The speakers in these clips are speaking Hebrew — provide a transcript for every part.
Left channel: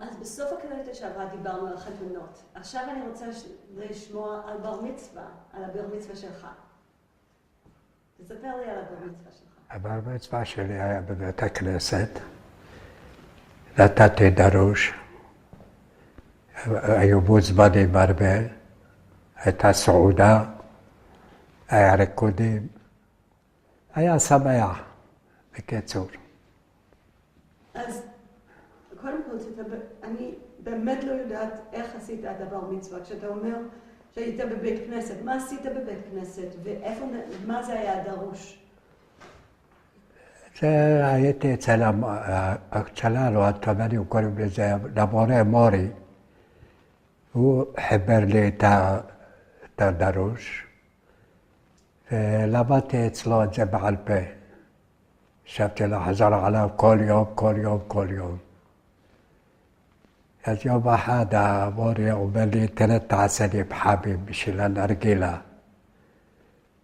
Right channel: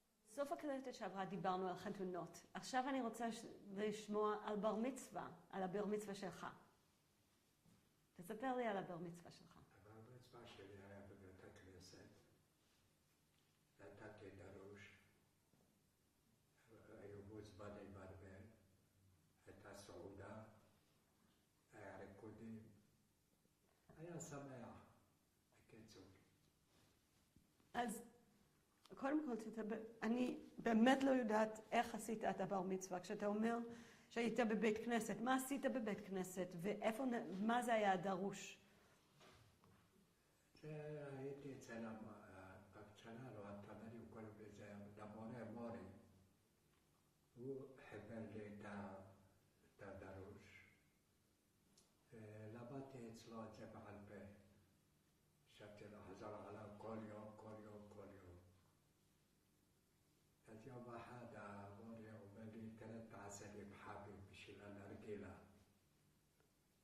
אז בסוף הקלטת שעברה דיברנו על חתונות. עכשיו אני רוצה לשמוע על בר מצווה, על הבר מצווה שלך. תספר לי על הבר מצווה שלך. הבר מצווה שלי היה בבית הכנסת. נתתי דרוש. היו מוזמנים הרבה. הייתה סעודה. היה ריקודים. היה שמח, בקיצור. אז קודם כל, אני באמת לא יודעת איך עשית את הבר מצווה. כשאתה אומר שהיית בבית כנסת, מה עשית בבית כנסת ואיפה, מה זה היה הדרוש? הייתי אצל שלנו, התימנים קוראים לזה, למורה מורי. הוא חיבר לי את הדרוש, ולמדתי אצלו את זה בעל פה. ישבתי לחזור עליו כל יום, כל יום, כל יום. אז יום אחד המורי אומר לי, תראה תעשה לי בחבים בשביל הנרגילה.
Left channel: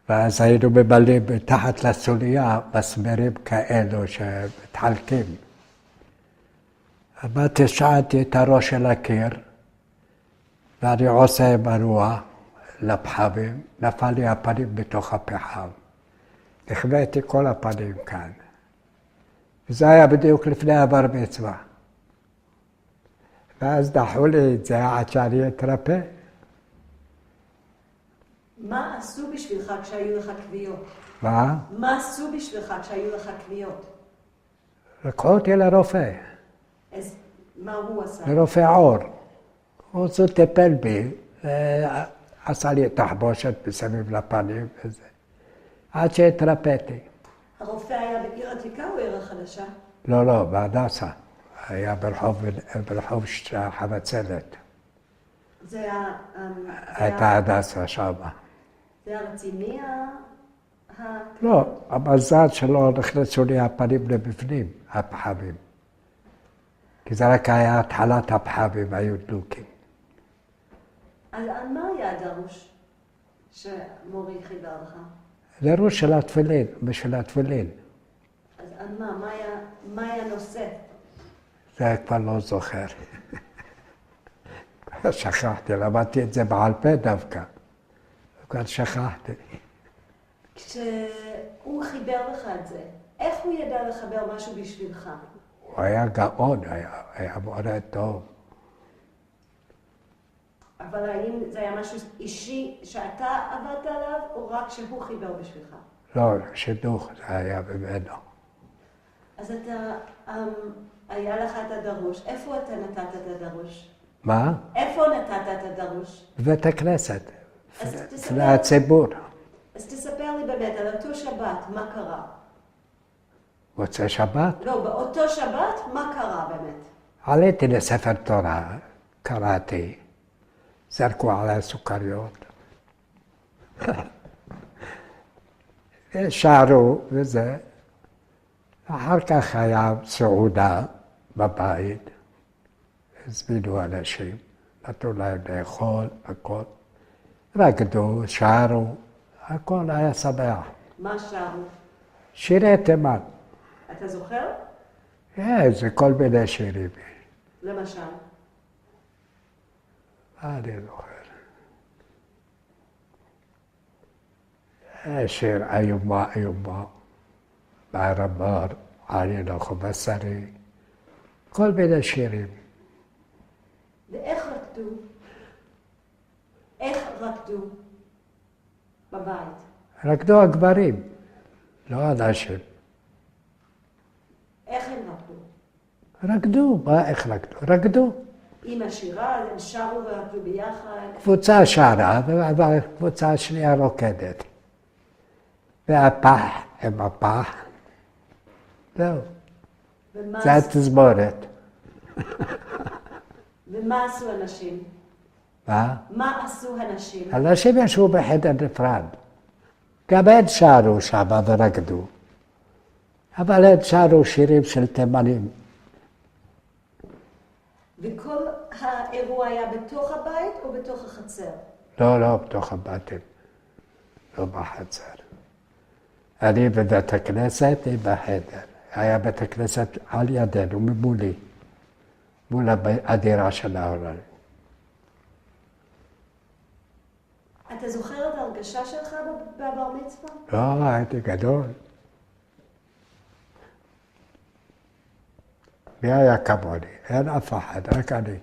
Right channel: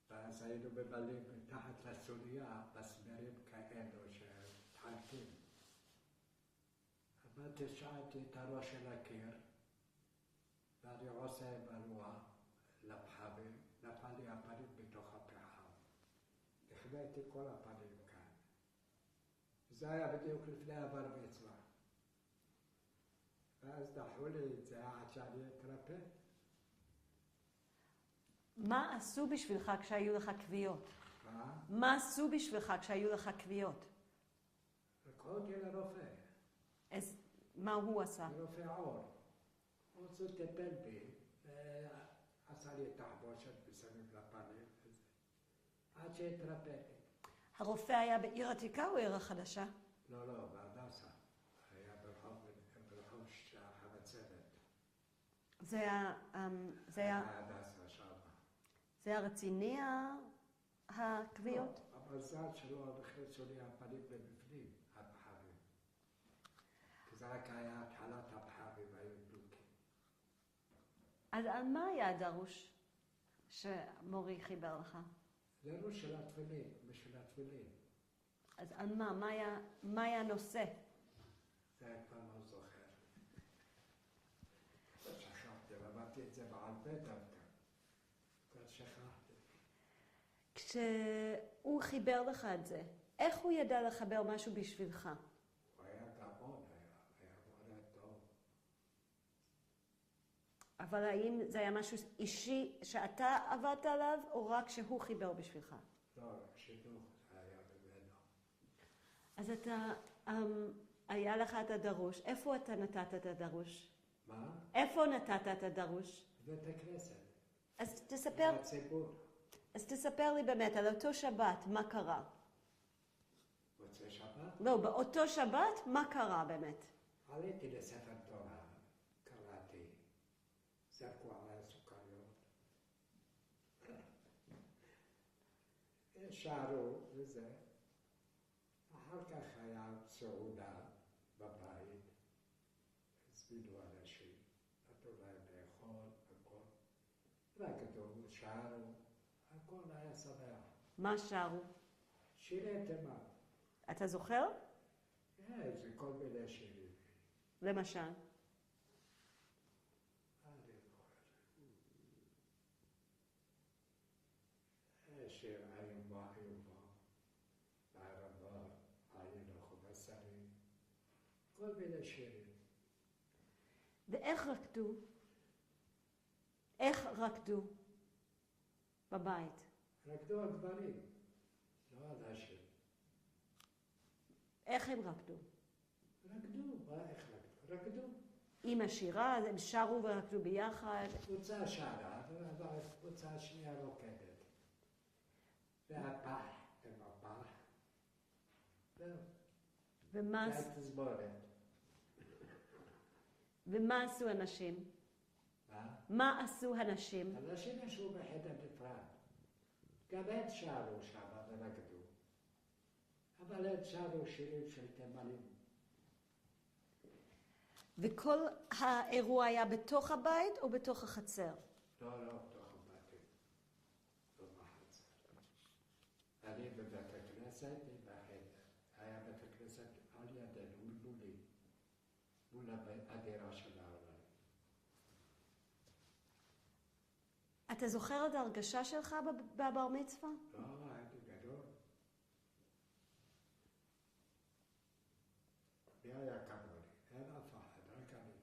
ואז היינו ממלאים מתחת לסוליה מסמרים כאלו שמתחלקים. אמרתי, שעדתי את הראש של הקיר, ואני עושה מנוע לפחמים, נפל לי הפנים בתוך הפחם. החבאתי כל הפנים כאן. וזה היה בדיוק לפני הבר מצווה. ואז דחו לי את זה עד שאני אתרפא. מה עשו בשבילך כשהיו לך כוויות? מה? מה עשו בשבילך כשהיו לך כוויות? לקחו אותי לרופא. אז מה הוא עשה? לרופא עור. הוא טיפל בי, עשה לי תחבושת מסביב לפנים וזה. עד שהתרפאתי. הרופא היה בעיר עתיקה או עיר החדשה? לא, לא, בהדסה. היה ברחוב חבצלת. זה היה... הייתה הדסה שם. זה היה רציני? לא, המזל שלא נכנסו לי הפנים לבפנים, הפחמים. כי זה רק היה התחלת הפחמים, היו דלוקים. אז על מה היה הדרוש שמורי חיבר לך? דרוש של התפילין, בשביל התפילין. אז על מה? מה היה נושא? זה כבר לא זוכר. שכחתי, למדתי את זה בעל פה דווקא. כבר שכחתי. כשהוא חיבר לך את זה, איך הוא ידע לחבר משהו בשבילך? הוא היה גאון, היה מורה טוב. אבל האם זה היה משהו אישי שאתה עבדת עליו, או רק שהוא חיבר בשבילך? לא, שידוך זה היה ממנו. אז אתה, היה לך את הדרוש. איפה אתה נתת את הדרוש? מה? איפה נתת את הדרוש? בבית הכנסת, אז לציבור. אז תספר לי באמת, על אותו שבת, מה קרה? מוצאי שבת? לא, באותו שבת, מה קרה באמת? עליתי לספר תורה, קראתי, זרקו עליי סוכריות. שערו וזה. אחר כך היה סעודה בבית, הזמינו אנשים, נתנו להם לאכול, הכל. רקדו, שרו, הכל היה שמח. מה שרו? שירי תימן. אתה זוכר? זה כל מיני שירים. למשל? אני זוכר. שיר איומה איומה, בערבר, עלינו חומסרי, כל מיני שירים. ואיך רקדו? איך רקדו בבית? רקדו הגברים, לא הנשים. איך הם רקדו? רקדו, מה איך רקדו? רקדו. עם השירה, הם שרו ורקדו ביחד? קבוצה שרה, והקבוצה השנייה רוקדת. והפח עם הפח. זהו. זה התזמורת. ומה עשו הנשים? מה? מה עשו הנשים? הנשים ישבו בחדר נפרד. גם הן שרו שם ורקדו. אבל הן שרו שירים של תימנים. וכל האירוע היה בתוך הבית או בתוך החצר? לא, לא, בתוך הבתים. לא בחצר. אני בבית הכנסת, היא בחדר. היה בית הכנסת על ידינו, ממולי, מול הדירה של ההורים. אתה זוכר את ההרגשה שלך בבר מצווה? לא, הייתי גדול. מי היה כמוני? אין אף אחד, רק אני.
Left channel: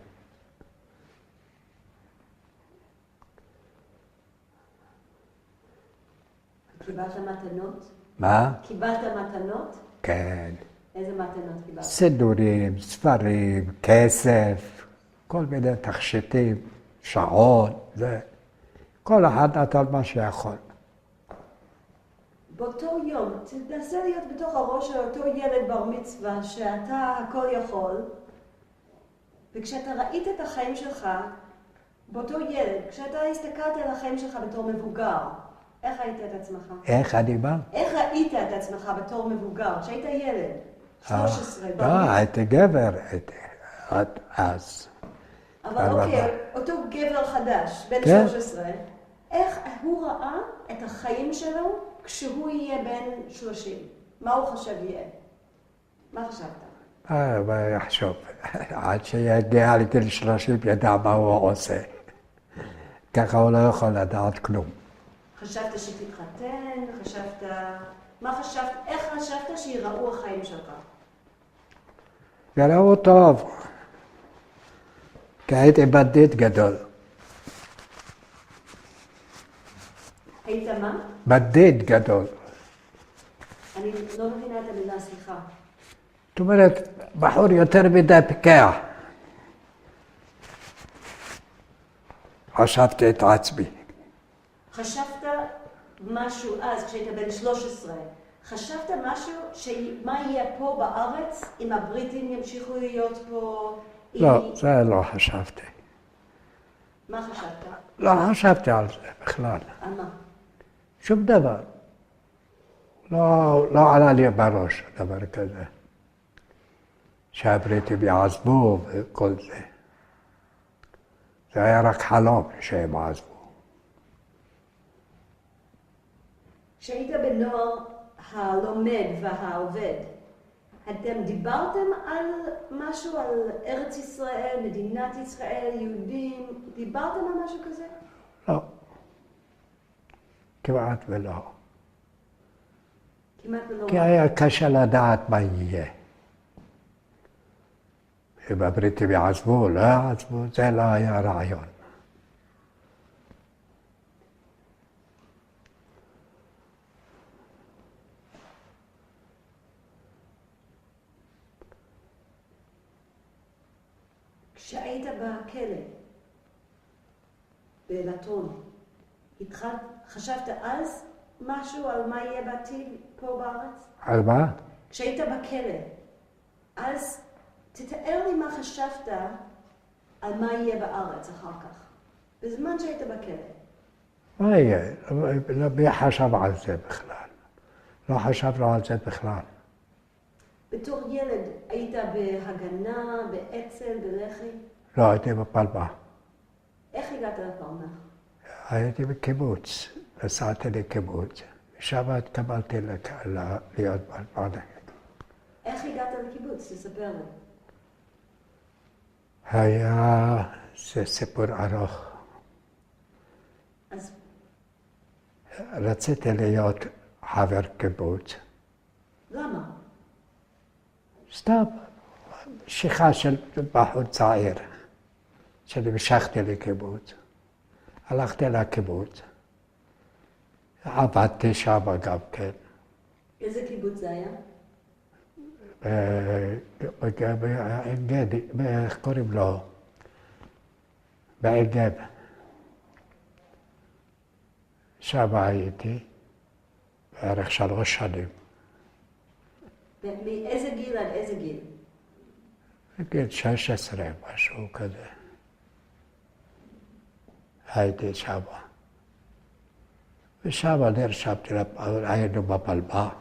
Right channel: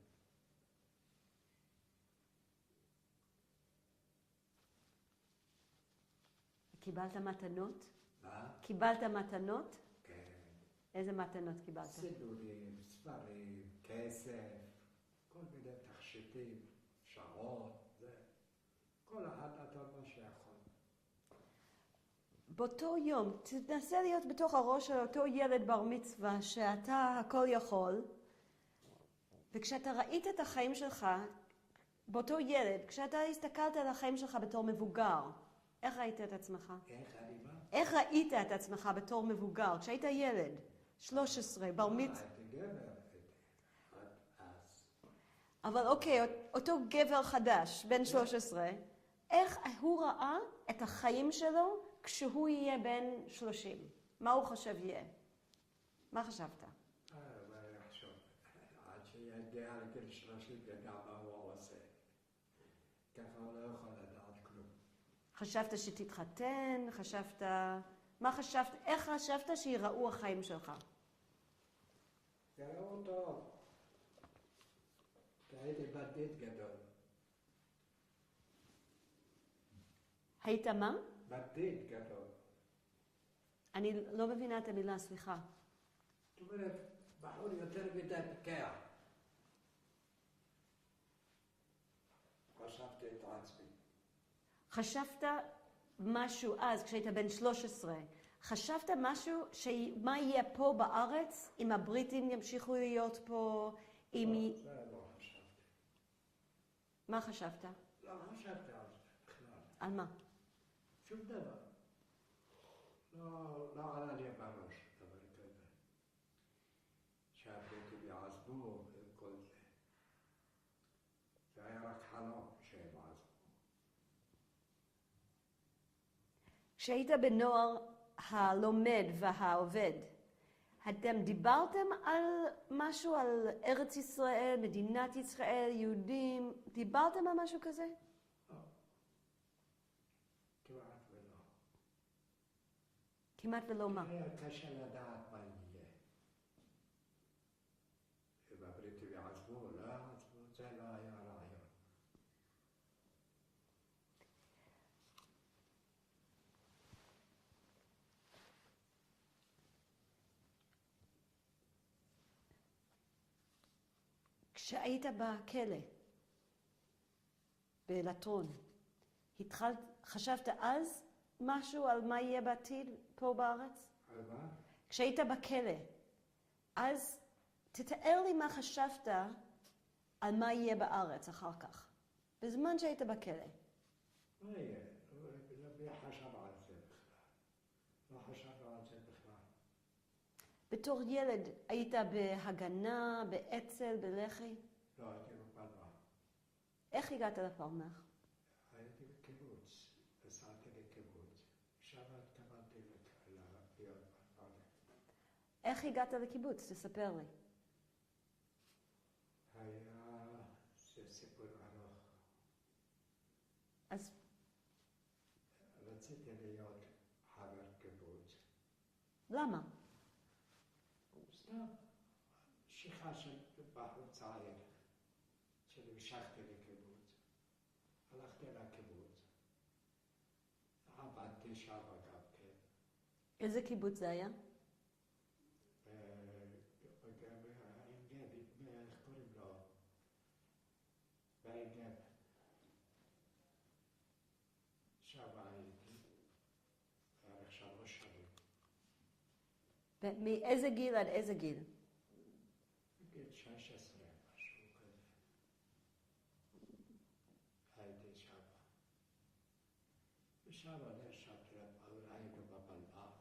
קיבלת מתנות? מה? קיבלת מתנות? כן. איזה מתנות קיבלת? סידורים, ספרים, כסף, כל מיני תכשיטים, שעון, זה. כל אחד נתן מה שיכול. באותו יום, תנסה להיות בתוך הראש של אותו ילד בר מצווה, שאתה הכל יכול, וכשאתה ראית את החיים שלך, באותו ילד, כשאתה הסתכלת על החיים שלך בתור מבוגר, איך ראית את עצמך? איך אני בא? איך ראית את עצמך בתור מבוגר, כשהיית ילד? 13, בר לא, מצווה. הייתי גבר, עד אז. אבל אוקיי, אותו גבר חדש, בן כן. 13, איך הוא ראה את החיים שלו כשהוא יהיה בן 30? מה הוא חשב יהיה? מה חשבת? מה יחשוב? עד שיגיע לגיל 30 ידע מה הוא עושה. ככה הוא לא יכול לדעת כלום. חשבת שתתחתן? חשבת... מה חשבת? איך חשבת שיראו החיים שלך? יראו טוב. כי הייתי בדיד גדול. היית מה? בדיד גדול. אני לא מבינה את המילה, סליחה. זאת אומרת, בחור יותר מדי פיקח. חשבתי את עצמי. חשבת משהו אז, כשהיית בן 13, חשבת משהו שמה יהיה פה בארץ, אם הבריטים ימשיכו להיות פה? לא, זה לא חשבתי. מה חשבת? לא חשבתי על זה בכלל. על מה? שום דבר. לא עלה לי בראש דבר כזה. שהבריטים יעזבו וכל זה. זה היה רק חלום שהם עזבו. כשהיית בנוער הלומד והעובד, אתם דיברתם על משהו, על ארץ ישראל, מדינת ישראל, יהודים? דיברתם על משהו כזה? לא. כמעט ולא. כמעט ולא. כי היה קשה לדעת מה יהיה. אם הבריטים יעזבו, לא יעזבו, זה לא היה רעיון. כשהיית בכלא, בלטרון, חשבת אז משהו על מה יהיה בעתיד פה בארץ? על מה? כשהיית בכלא, אז תתאר לי מה חשבת על מה יהיה בארץ אחר כך, בזמן שהיית בכלא. מה יהיה? מי חשב על זה בכלל? לא חשבנו על זה בכלל. בתור ילד היית בהגנה, באצ"ל, בלח"י? לא, הייתי בפלמ"ח. איך הגעת לפלמ"ח? הייתי בקיבוץ, נסעתי לקיבוץ, ושם התקבלתי להיות בפלמ"ח. איך הגעת לקיבוץ? תספר לי. זה סיפור ארוך. אז רציתי להיות חבר קיבוץ. למה? סתם, משיכה של בחור צעיר, שנמשכתי לקיבוץ. הלכתי לקיבוץ, עבדתי שם גם כן. איזה קיבוץ זה היה? בעין גדי, איך קוראים לו? בעין גב. שם הייתי בערך 3 שנים. מאיזה גיל עד איזה גיל? בגיל 16, משהו כזה. הייתי שם. ושם נרשמתי, היינו בפלמ"ח.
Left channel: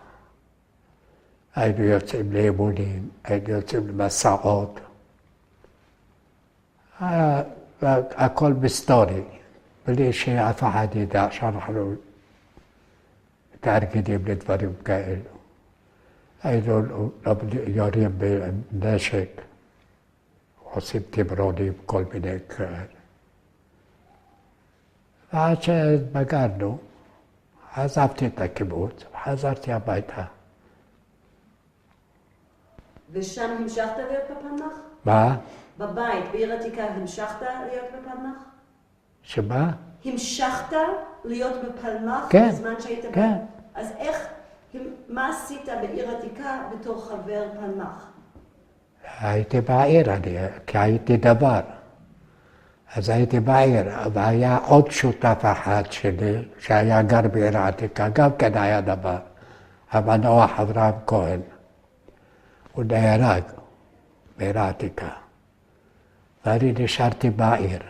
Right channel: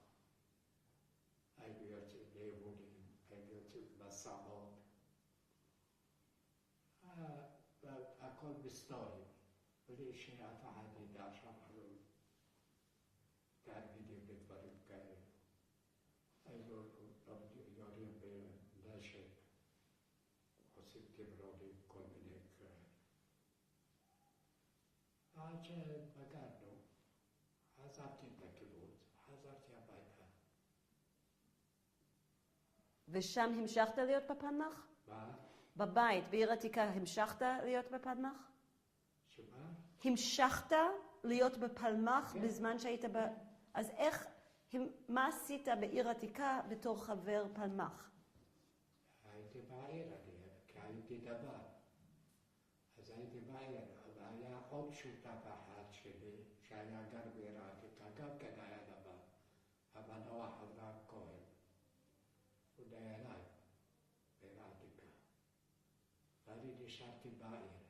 היינו יוצאים לאימונים, היינו יוצאים למסעות. הכל מסתורי, בלי שאף אחד ידע שאנחנו מתארגנים לדברים כאלו. היינו יורים בנשק, עושים תמרונים, כל מיני כאלה. ועד שבגרנו, עזבתי את הקיבוץ, חזרתי הביתה. ושם המשכת להיות בפלמ"ח? מה? בבית, בעיר עתיקה, המשכת להיות בפלמ"ח? שמה? המשכת להיות בפלמ"ח כן, בזמן שהיית כן. אז מה עשית בעיר עתיקה בתור חבר פלמ"ח? הייתי בעיר, כי הייתי דבר. אז הייתי בעיר, והיה עוד שותף אחד שלי, שהיה גר בעיר העתיקה, גם כן היה דבר, המנוח אברהם כהן. הוא נהרג בעיר העתיקה, ואני נשארתי בעיר.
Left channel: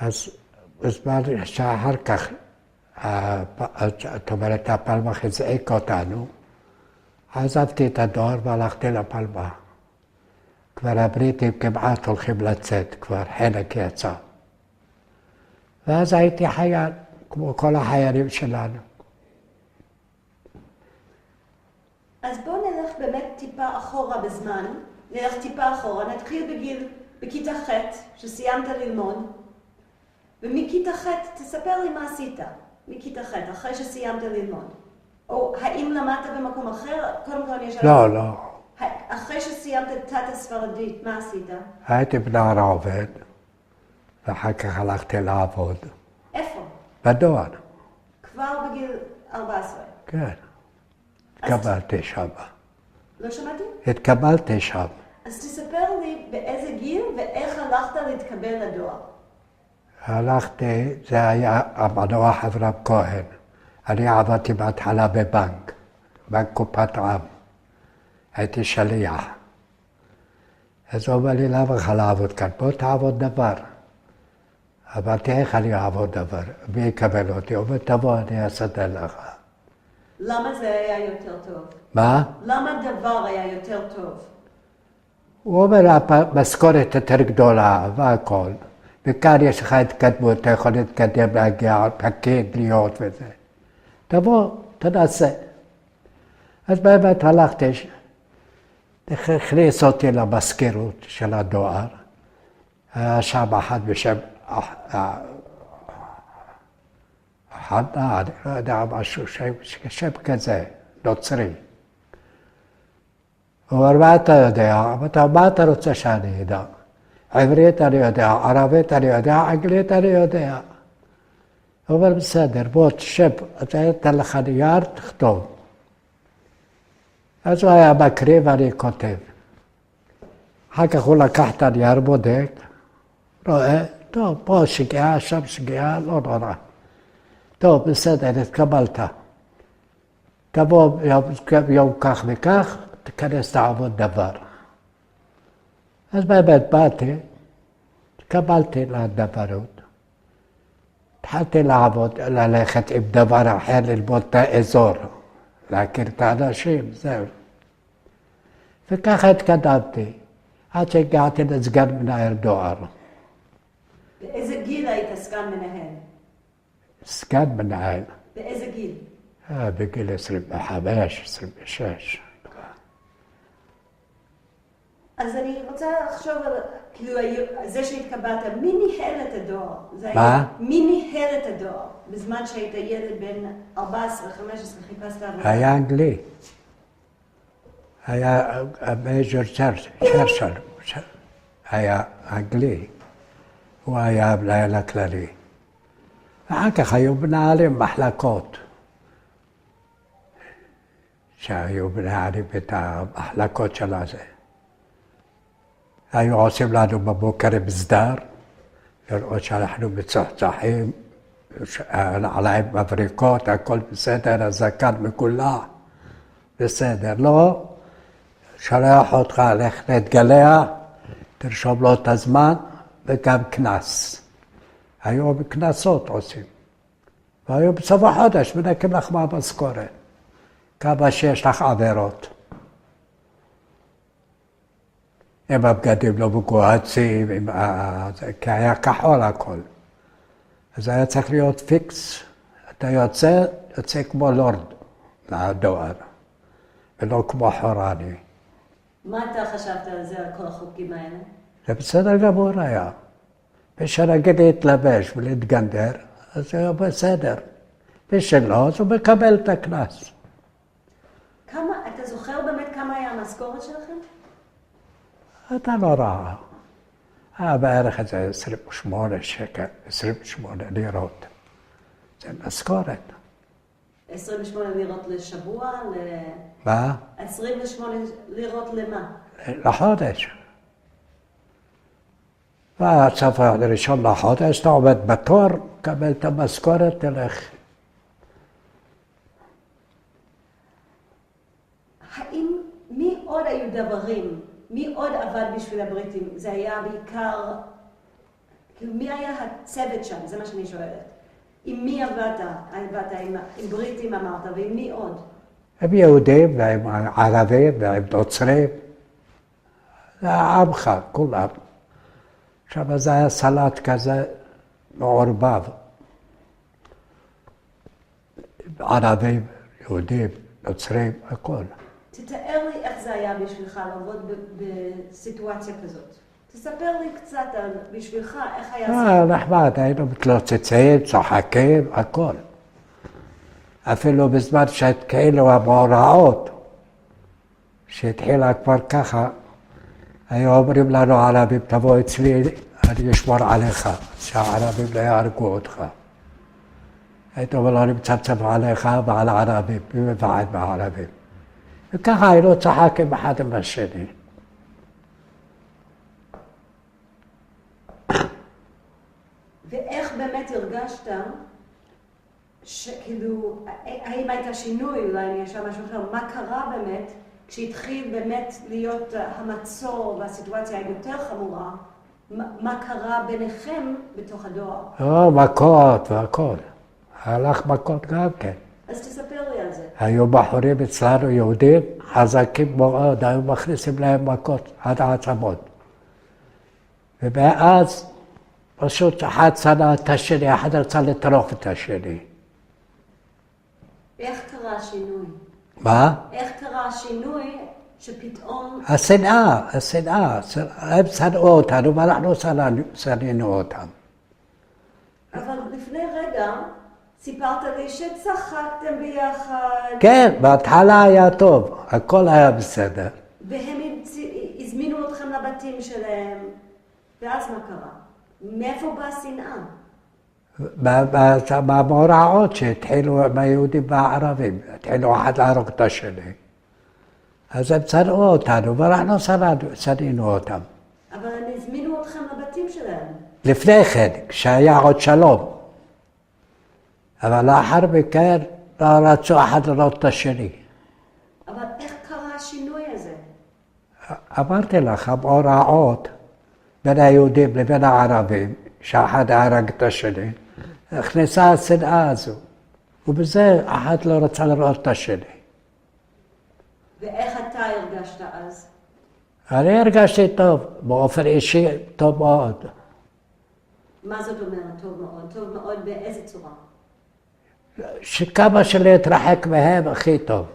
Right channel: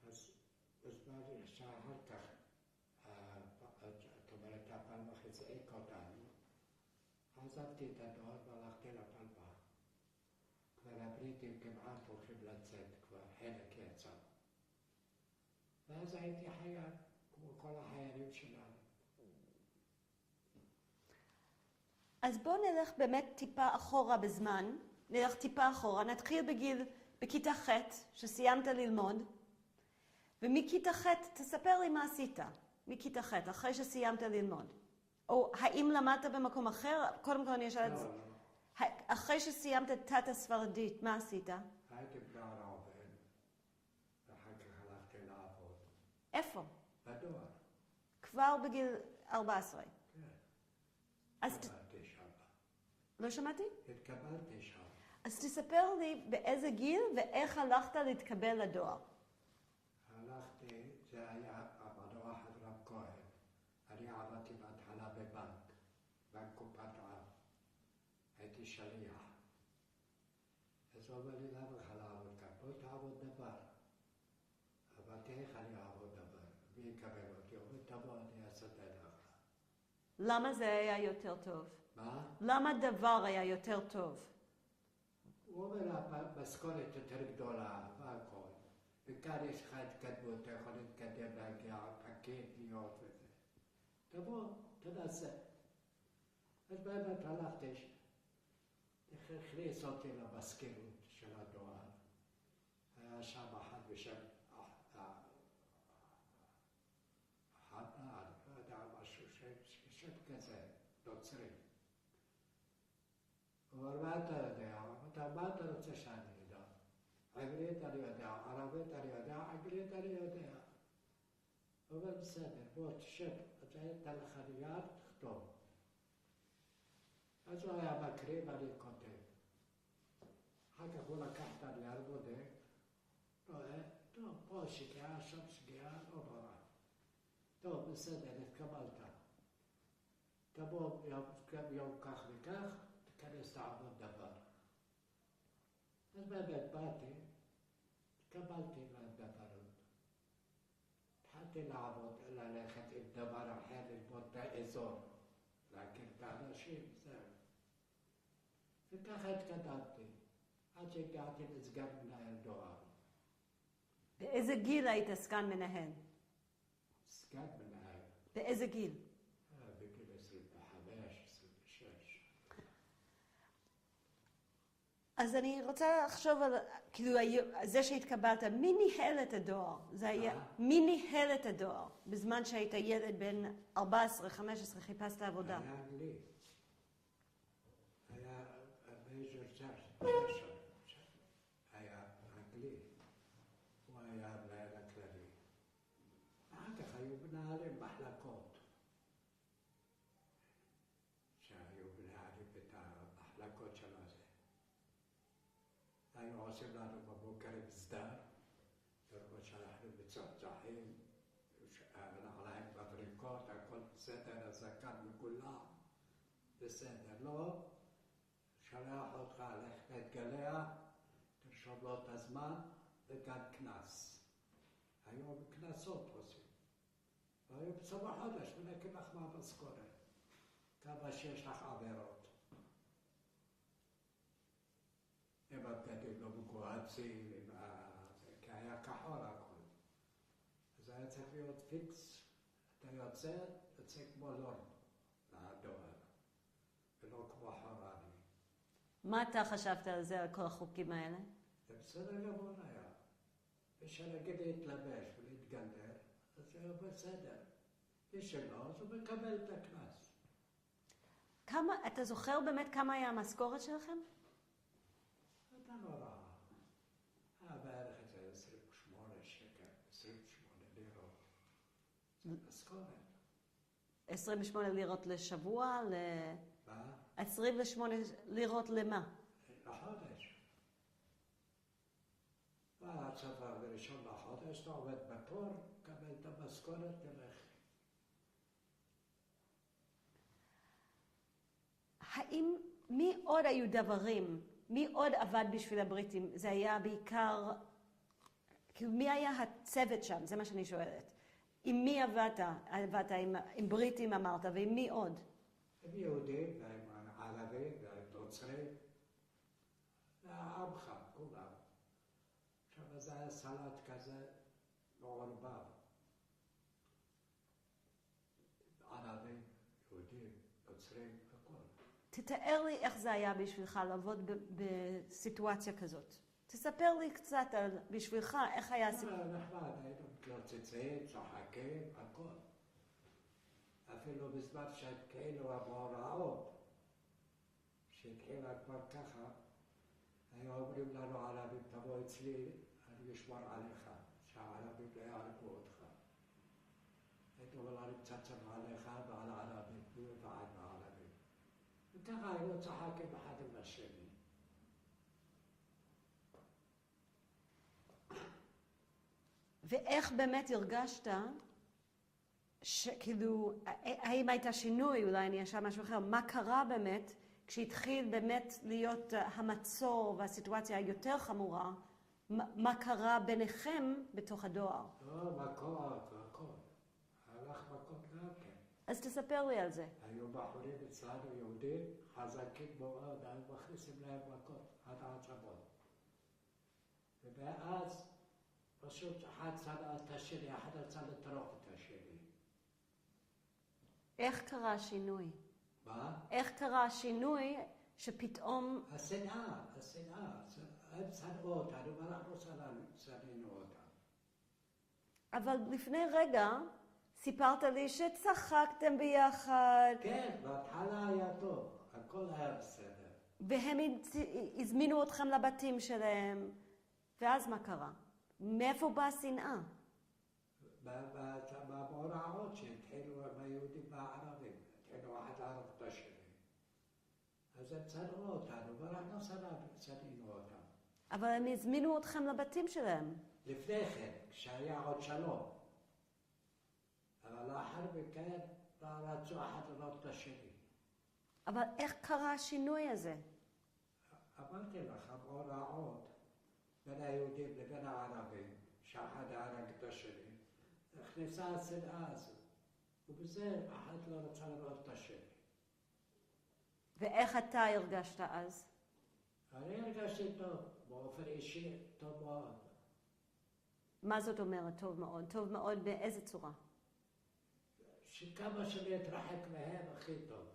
אז בזמן שאחר כך, זאת אומרת, הפלמ"ח הזעיק אותנו, עזבתי את הדואר והלכתי לפלמ"ח. כבר הבריטים כמעט הולכים לצאת, כבר חלק יצא. ואז הייתי חייל, כמו כל החיילים שלנו. אז בואו נלך באמת טיפה אחורה בזמן, נלך טיפה אחורה, נתחיל בכיתה ח' שסיימת ללמוד, ומכיתה ח' תספר לי מה עשית, מכיתה ח', אחרי שסיימת ללמוד. או האם למדת במקום אחר? קודם כל אני אשאל... לא. אחרי שסיימת את תת הספרדית, מה עשית? הייתי בנער עובד, ואחר כך הלכתי לעבוד. איפה? בדואר. כבר בגיל 14? כן. התקבלתי שם. לא שמעתי? התקבלתי שם. אז תספר לי באיזה גיל ואיך הלכת להתקבל לדואר. הלכתי, זה היה המנוח אברהם כהן. אני עבדתי בהתחלה בבנק קופת עם. הייתי שליח. אז הוא אומר לי, למה לך לעבוד כאן? בוא תעבוד דבר. אמרתי, איך אני אעבוד דבר? מי יקבל אותי? הוא אומר, תבוא, אני אסדר לך. למה זה היה יותר טוב? מה? למה דבר היה יותר טוב? הוא אומר, המשכורת יותר גדולה והכל. וכאן יש לך התקדמות, אתה יכול להתקדם, להגיע, פקיד, להיות וזה. תבוא, תנסה. אז באמת הלכתי, הכניס אותי למזכירות של הדואר. היה שם אחד בשם חנה, אני לא יודע משהו, שם כזה, נוצרי. הוא אומר, מה אתה יודע? אמרתי, מה אתה רוצה שאני אדע? עברית אני יודע, ערבית אני יודע, אנגלית אני יודע. הוא אומר, בסדר, בוא תשב, אתה אתן לך נייר, תכתוב. אז הוא היה מקריא ואני כותב. אחר כך הוא לקח את הנייר, בודק, רואה, טוב, פה שגיאה, שם שגיאה, לא נורא. טוב, בסדר, התקבלת. תבוא יום כך וכך, תיכנס לעבוד דבר. אז באמת באתי, התקבלתי לדברות. התחלתי לעבוד, ללכת עם דבר אחר, ללמוד את האזור, להכיר את האנשים, זהו. וככה התקדמתי, עד שהגעתי לסגן מנהל דואר. באיזה גיל היית סגן מנהל? סגן מנהל. באיזה גיל? בגיל 25, 26. אז אני רוצה לחשוב על, כאילו, זה שהתקבלת, מי ניהל את הדואר? מה? מי ניהל את הדואר? בזמן שהיית ילד בן 14, 15, חיפשת עבודה. היה אנגלי. היה מייג'ור צ'רצ'ל, היה אנגלי. הוא היה המנהל הכללי. ואחר כך היו מנהלים מחלקות. שהיו מנהלים את המחלקות של הזה. היו עושים לנו בבוקר מסדר, לראות שאנחנו מצוחצחים, עליהם מבריקות, הכל בסדר, הזקן מקולח, בסדר. לא, שולח אותך, לך להתגלח, תרשום לו את הזמן, וגם כנס. היו בכנסות עושים. והיו בסוף החודש, מנקים לך מהמשכורת. כמה שיש לך עבירות. עם הבגדים לא מגוהצים, כי היה כחול הכל. אז היה צריך להיות פיקס. אתה יוצא כמו לורד לדואר. ולא כמו חורני. מה אתה חשבת על זה, על כל החוקים האלה? זה בסדר גמור היה. ושנגיד להתלבש ולהתגנדר, אז זה היה בסדר. ושלא, אז הוא מקבל את הקנס. אתה זוכר באמת כמה היה המשכורת שלכם? אתה לא רע. היה בערך איזה 28 שקל, 28 לירות. זה משכורת. 28 לירות לשבוע? מה? 28 לירות למה? לחודש. והסוף הראשון לחודש, אתה עומד בתור, קבל את המשכורת, תלך. מי עוד היו דברים? מי עוד עבד בשביל הבריטים? זה היה בעיקר... מי היה הצוות שם? זה מה שאני שואלת. עם מי עבדת? עם בריטים אמרת, ועם מי עוד? הם יהודים, והם ערבים, והם נוצרים. זה עמך, כולם. עכשיו זה היה סלט כזה מעורבב. ערבים, יהודים, נוצרים, הכל. תתאר לי איך זה היה בשבילך לעבוד בסיטואציה כזאת. תספר לי קצת על בשבילך איך היה זה. נחמד, היינו מתלוצצים, צוחקים, הכל. אפילו בזמן שהתחילו המאורעות, שהתחילה כבר ככה, היו אומרים לנו ערבים, תבוא אצלי, אני אשמור עליך, שהערבים לא יהרגו אותך. הייתי אומר לו, אני מצפצף עליך ועל הערבים, מי מבעד מהערבים. וככה היינו צחקים אחד עם השני. ואיך באמת הרגשת, שכאילו, האם הייתה שינוי, אולי אני אשאל משהו אחר, מה קרה באמת, כשהתחיל באמת להיות המצור והסיטואציה היותר חמורה, מה קרה ביניכם בתוך הדואר? מכות והכל. הלך מכות גם כן. אז תספר לי על זה. היו בחורים אצלנו יהודים, חזקים מאוד, היו מכניסים להם מכות עד העצמות. ומאז פשוט אחד שנא את השני, אחד רצה לטרוף את השני. איך קרה השינוי? מה? איך קרה השינוי שפתאום... השנאה. הם שנאו אותנו ואנחנו שנינו אותם. אבל לפני רגע סיפרת לי שצחקתם ביחד. כן, בהתחלה היה טוב, הכל היה בסדר. והם הזמינו אתכם לבתים שלהם, ואז מה קרה? מאיפה באה שנאה? במאורעות שהתחילו עם היהודים והערבים, התחילו אחד להרוג את השני. אז הם שנאו אותנו ואנחנו שנינו אותם. אבל הם הזמינו אתכם לבתים שלהם. לפני כן, כשהיה עוד שלום. אבל לאחר מכן לא רצו אחד לראות את השני. אבל איך קרה השינוי הזה? אמרתי לך, המאורעות בין היהודים לבין הערבים, שאחד הרג את השני, הכניסה השנאה הזו. ובזה אחד לא רצה לראות את השני. ואיך אתה הרגשת אז? אני הרגשתי טוב, באופן אישי טוב מאוד. מה זאת אומרת טוב מאוד? טוב מאוד באיזה צורה? שכמה שלהתרחק מהם הכי טוב.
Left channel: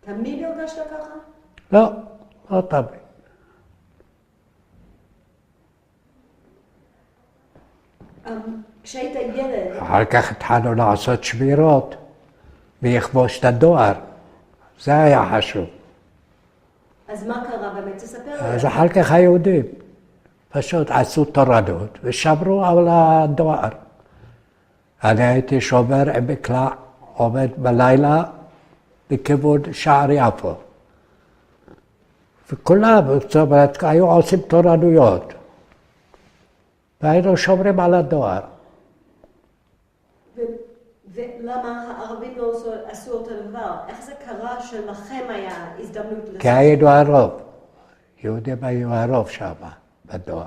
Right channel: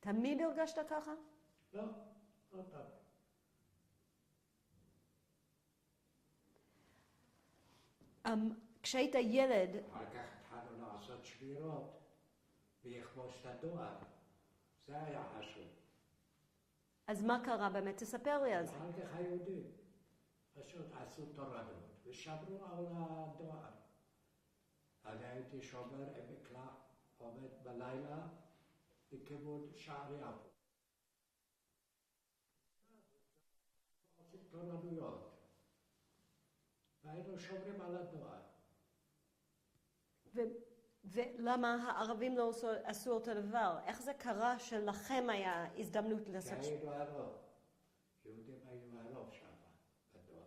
תמיד הרגשת ככה? לא, לא תמיד. כשהיית ילד... אחר כך התחלנו לעשות שמירות ויכבוש את הדואר. זה היה חשוב. אז מה קרה באמת? תספר לי. אז אחר כך היהודים פשוט עשו תורנות ושמרו על הדואר. אני הייתי שומר עם מקלע, עומד בלילה לכיוון שער יפו. וכולם, זאת אומרת, היו עושים תורנויות. והיינו שומרים על הדואר. ולמה הערבים לא עשו אותו דבר? איך זה קרה שלכם היה הזדמנות לזה? כי היינו הרוב. יהודים היו הרוב שם, בדואר.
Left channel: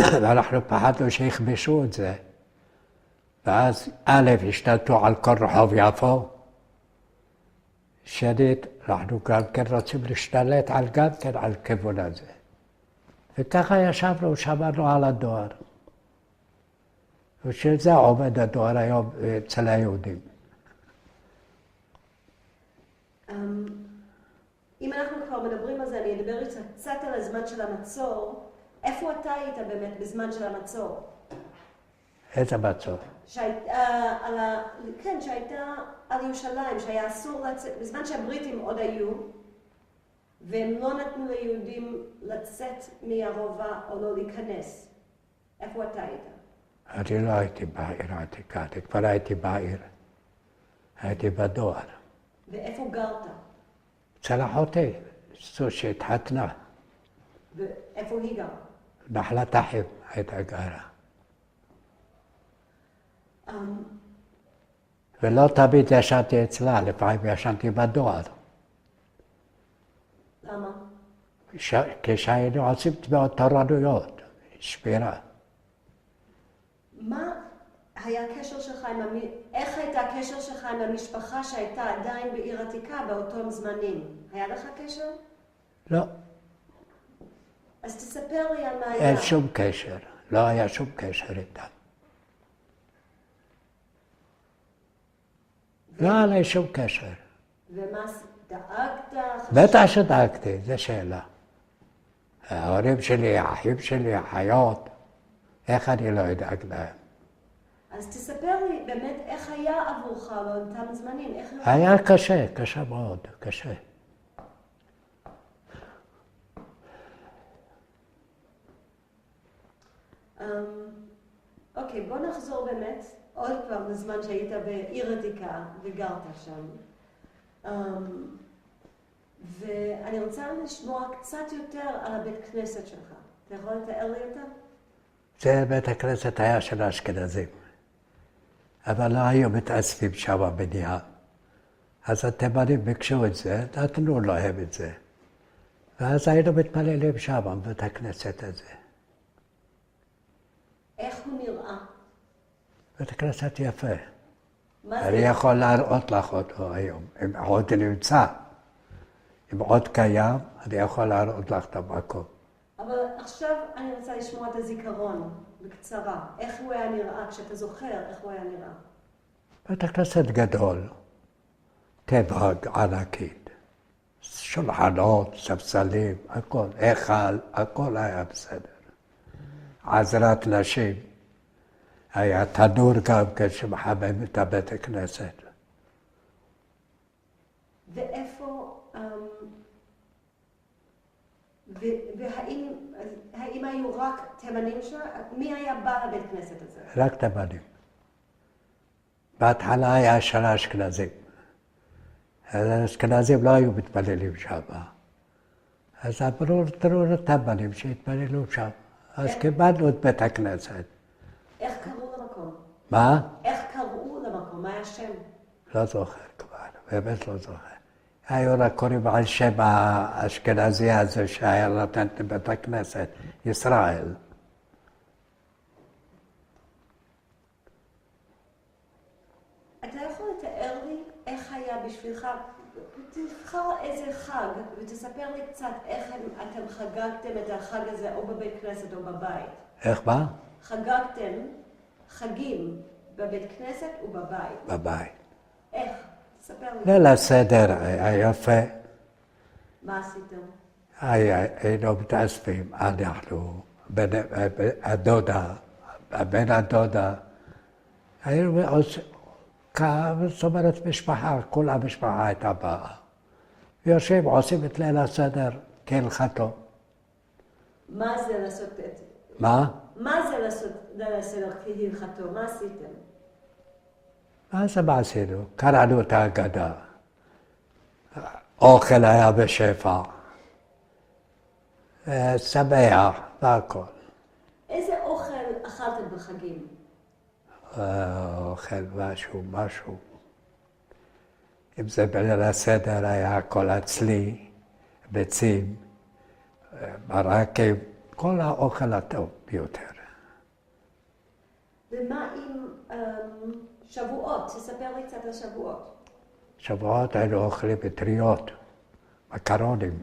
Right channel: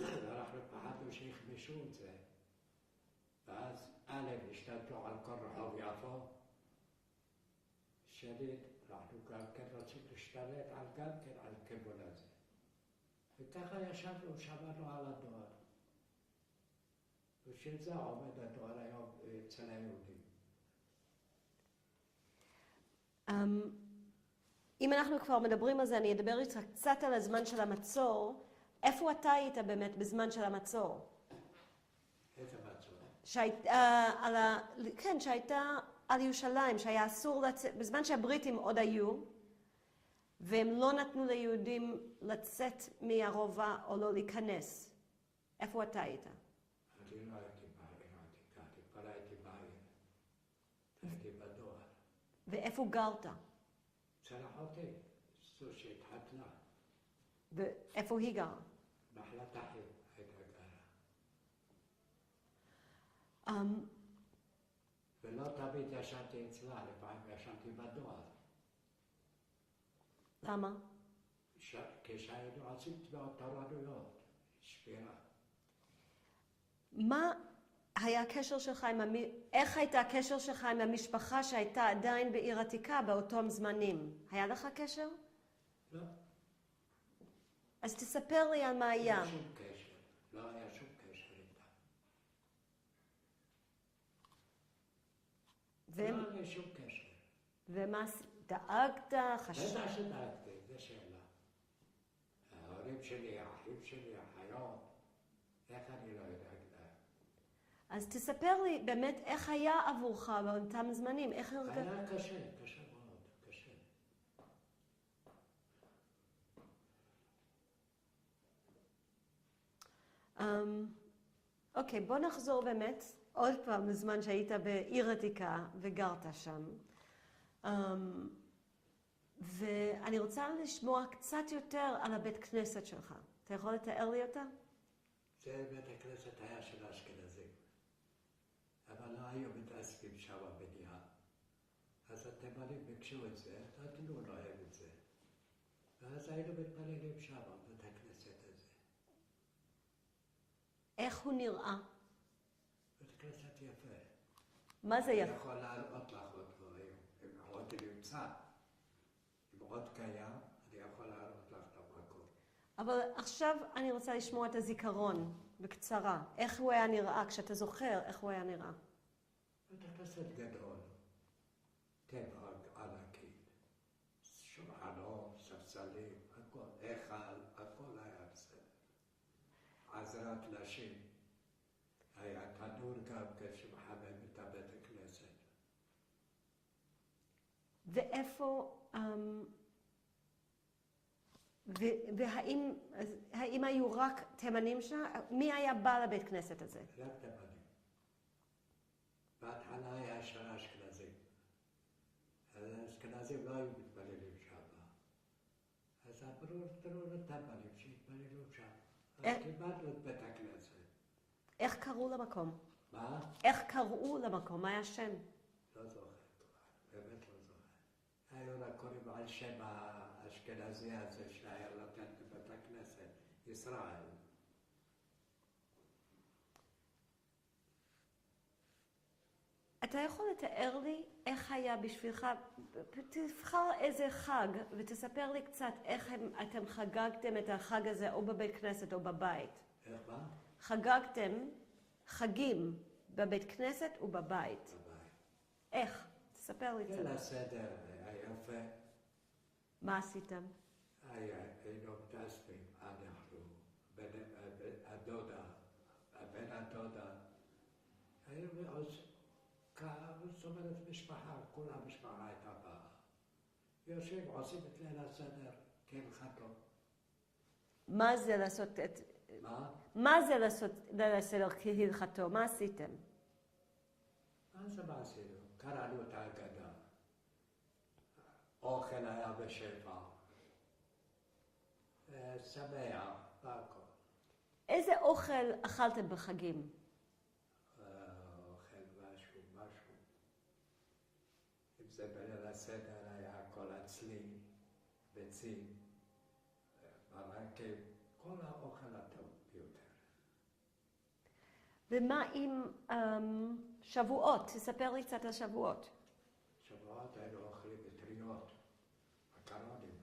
ואנחנו פחדנו שיכבשו את זה. ואז א', השתלטו על כל רחוב יפו. שנית, אנחנו גם כן רוצים להשתלט גם כן על כיוון הזה. וככה ישבנו, שמרנו על הדואר. ושזה עובד הדור היום אצל היהודים. אם אנחנו כבר מדברים על זה, אני אדבר קצת על הזמן של המצור. איפה אתה היית באמת בזמן של המצור? איזה מצור? כן, שהייתה על ירושלים, שהיה אסור לצאת, בזמן שהבריטים עוד היו, והם לא נתנו ליהודים לצאת מהרובע או לא להיכנס. איפה אתה היית? אני לא הייתי בעיר העתיקה, אני כבר הייתי בעיר. הייתי בדואר. ואיפה גרת? אצל אחותי, זו שהתחתנה. ואיפה היא גרה? נחלת אחים הייתה גרה. ולא תמיד ישנתי אצלה, לפעמים ישנתי בדואר. למה? כשהיינו עושים תביעות תורנויות, שמירה. מה היה הקשר שלך איך הייתה הקשר שלך עם המשפחה שהייתה עדיין בעיר עתיקה באותם זמנים? היה לך קשר? לא. אז תספר לי על מה היה. אין שום קשר, לא היה שום קשר איתם. לא היה לי שום קשר. ומה, דאגת? בטח שדאגתי, זו שאלה. ההורים שלי, האחים שלי, החיות, איך אני לא אדאג להם? אז תספר לי באמת איך היה עבורך באותם זמנים, איך... היה קשה, קשה מאוד, קשה. אוקיי, בוא נחזור באמת עוד פעם לזמן שהיית בעיר עתיקה וגרת שם. ואני רוצה לשמוע קצת יותר על הבית כנסת שלך. אתה יכול לתאר לי אותה? זה בית הכנסת היה של האשכנזים. אבל לא היו מתאספים שם בנייה. אז התימנים ביקשו את זה, נתנו להם את זה. ואז היינו מתפללים שם, בבית הכנסת הזה. איך הוא נראה? בית הכנסת יפה. מה זה? אני יכול להראות לך אותו היום, אם עוד נמצא. אם עוד קיים, אני יכול להראות לך את המקום. אבל עכשיו אני רוצה לשמוע את הזיכרון, בקצרה. איך הוא היה נראה, כשאתה זוכר איך הוא היה נראה? בית הכנסת גדול, טבע ענקית, שולחנות, ספסלים, הכל, היכל, הכל היה בסדר. עזרת נשים, היה תנור גם כן שמחמם את הבית הכנסת. ואיפה, והאם היו רק תימנים שם? מי היה בא לבית כנסת הזה? רק תימנים. בהתחלה היה של האשכנזים. האשכנזים לא היו מתפללים שם. אז אמרו, תראו לתימנים שהתפללו שם. אז קיבלנו את בית הכנסת. איך קראו למקום? מה? איך קראו למקום? מה היה השם? לא זוכר כבר, באמת לא זוכר. היו רק קוראים על שם האשכנזי הזה שהיה נותן לבית הכנסת, ישראל. אתה יכול לתאר לי איך היה בשבילך, תבחר איזה חג ותספר לי קצת איך אתם חגגתם את החג הזה או בבית כנסת או בבית. איך מה? חגגתם חגים בבית כנסת ובבית. בבית. איך? תספר לי. ליל הסדר היה יפה. מה עשיתם? היינו מתאספים, אנחנו, הדודה, בן הדודה. היינו זאת אומרת משפחה, כל המשפחה הייתה באה. ויושבים, עושים את ליל הסדר כהלכתו. מה זה לעשות את... מה? מה זה לעשות ליל הסדר כהלכתו? מה עשיתם? מה עשינו? קראנו את ההגדה. אוכל היה בשפע. שמח והכל. איזה אוכל אכלתם בחגים? אוכל משהו. אם זה בליל הסדר היה הכל אצלי, ביצים, מרקים, כל האוכל הטוב ביותר. ומה עם שבועות? תספר לי קצת על שבועות. שבועות היינו אוכלים מטריות, מקרונים,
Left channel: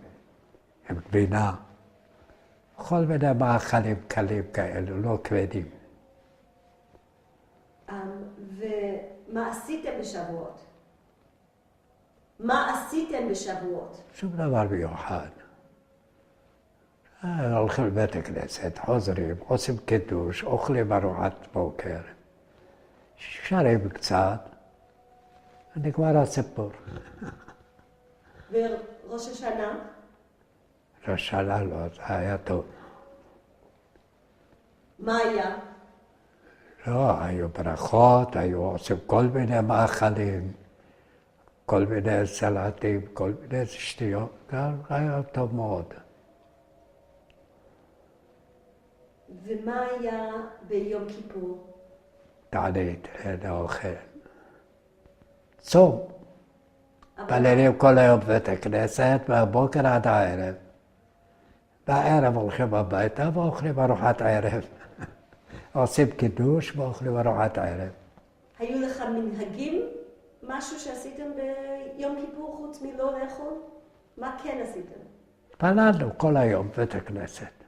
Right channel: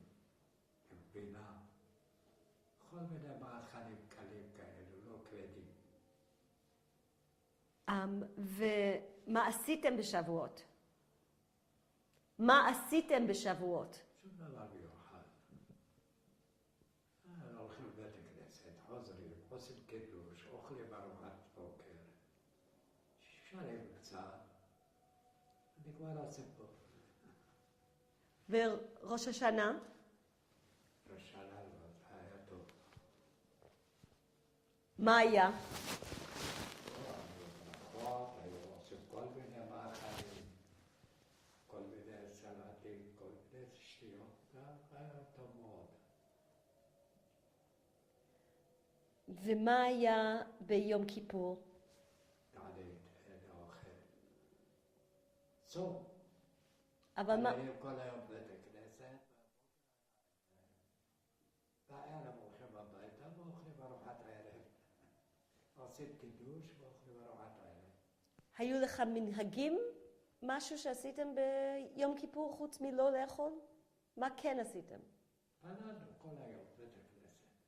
עם גבינה, כל מיני מאכלים קלים כאלו, לא כבדים. עשיתם בשבועות? מה עשיתם בשבועות? שום דבר מיוחד. הולכים לבית הכנסת, חוזרים, עושים קידוש, אוכלים ארוחת בוקר, שרים קצת, ונגמר הסיפור. וראש השנה? ראש השנה לא, זה היה טוב. מה היה? לא, היו ברכות, היו עושים כל מיני מאכלים, כל מיני סלטים, כל מיני שטויות, גם היה טוב מאוד. ומה היה ביום כיפור? תענית, לאוכל. צום. מתפללים כל היום בבית הכנסת, מהבוקר עד הערב. בערב הולכים הביתה ואוכלים ארוחת ערב. עושים קידוש ואוכלים ארוחת ערב. היו לך מנהגים? משהו שעשיתם ביום כיפור חוץ מלא לאכול? מה כן עשיתם? התפללנו כל היום בבית הכנסת.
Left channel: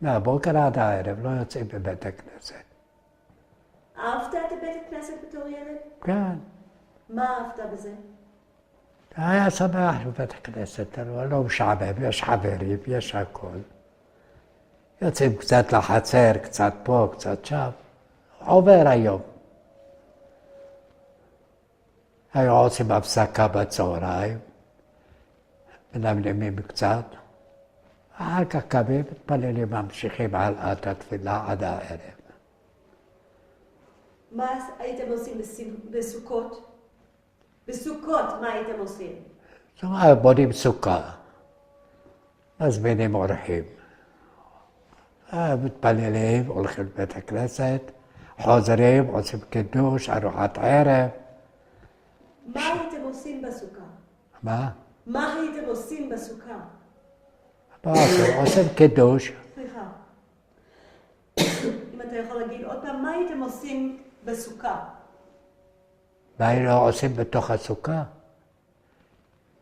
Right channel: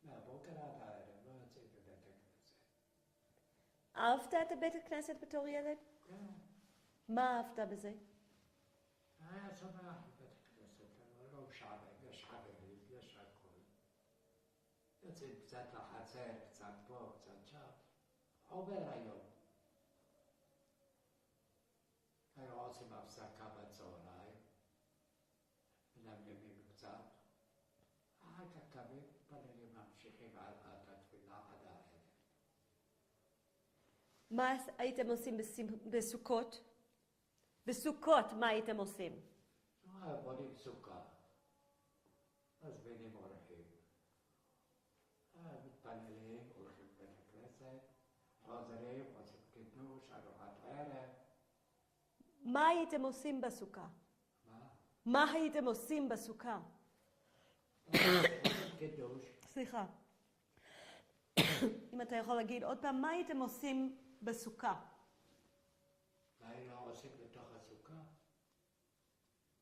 מהבוקר עד הערב לא יוצאים בבית הכנסת. אהבת את בית הכנסת בתור ילד? כן. מה אהבת בזה? היה שמח בבית הכנסת, לא משעמם, יש חברים, יש הכל. יוצאים קצת לחצר, קצת פה, קצת שם. עובר היום. היו עושים הפסקה בצהריים, מנמנמים קצת. אחר כך קמים, מתפללים, ממשיכים הלאה את התפילה עד הערב. מה הייתם עושים בסוכות? בסוכות מה הייתם עושים? זאת אומרת, בונים סוכה, מזמינים אורחים. מתפללים, הולכים לבית הכנסת, חוזרים, עושים קידוש, ארוחת ערב. מה הייתם עושים בסוכה? מה? מה הייתם עושים בסוכה? עושים קידוש. סליחה. אם אתה יכול להגיד עוד פעם, מה הייתם עושים בסוכה? מה היינו עושים בתוך הסוכה?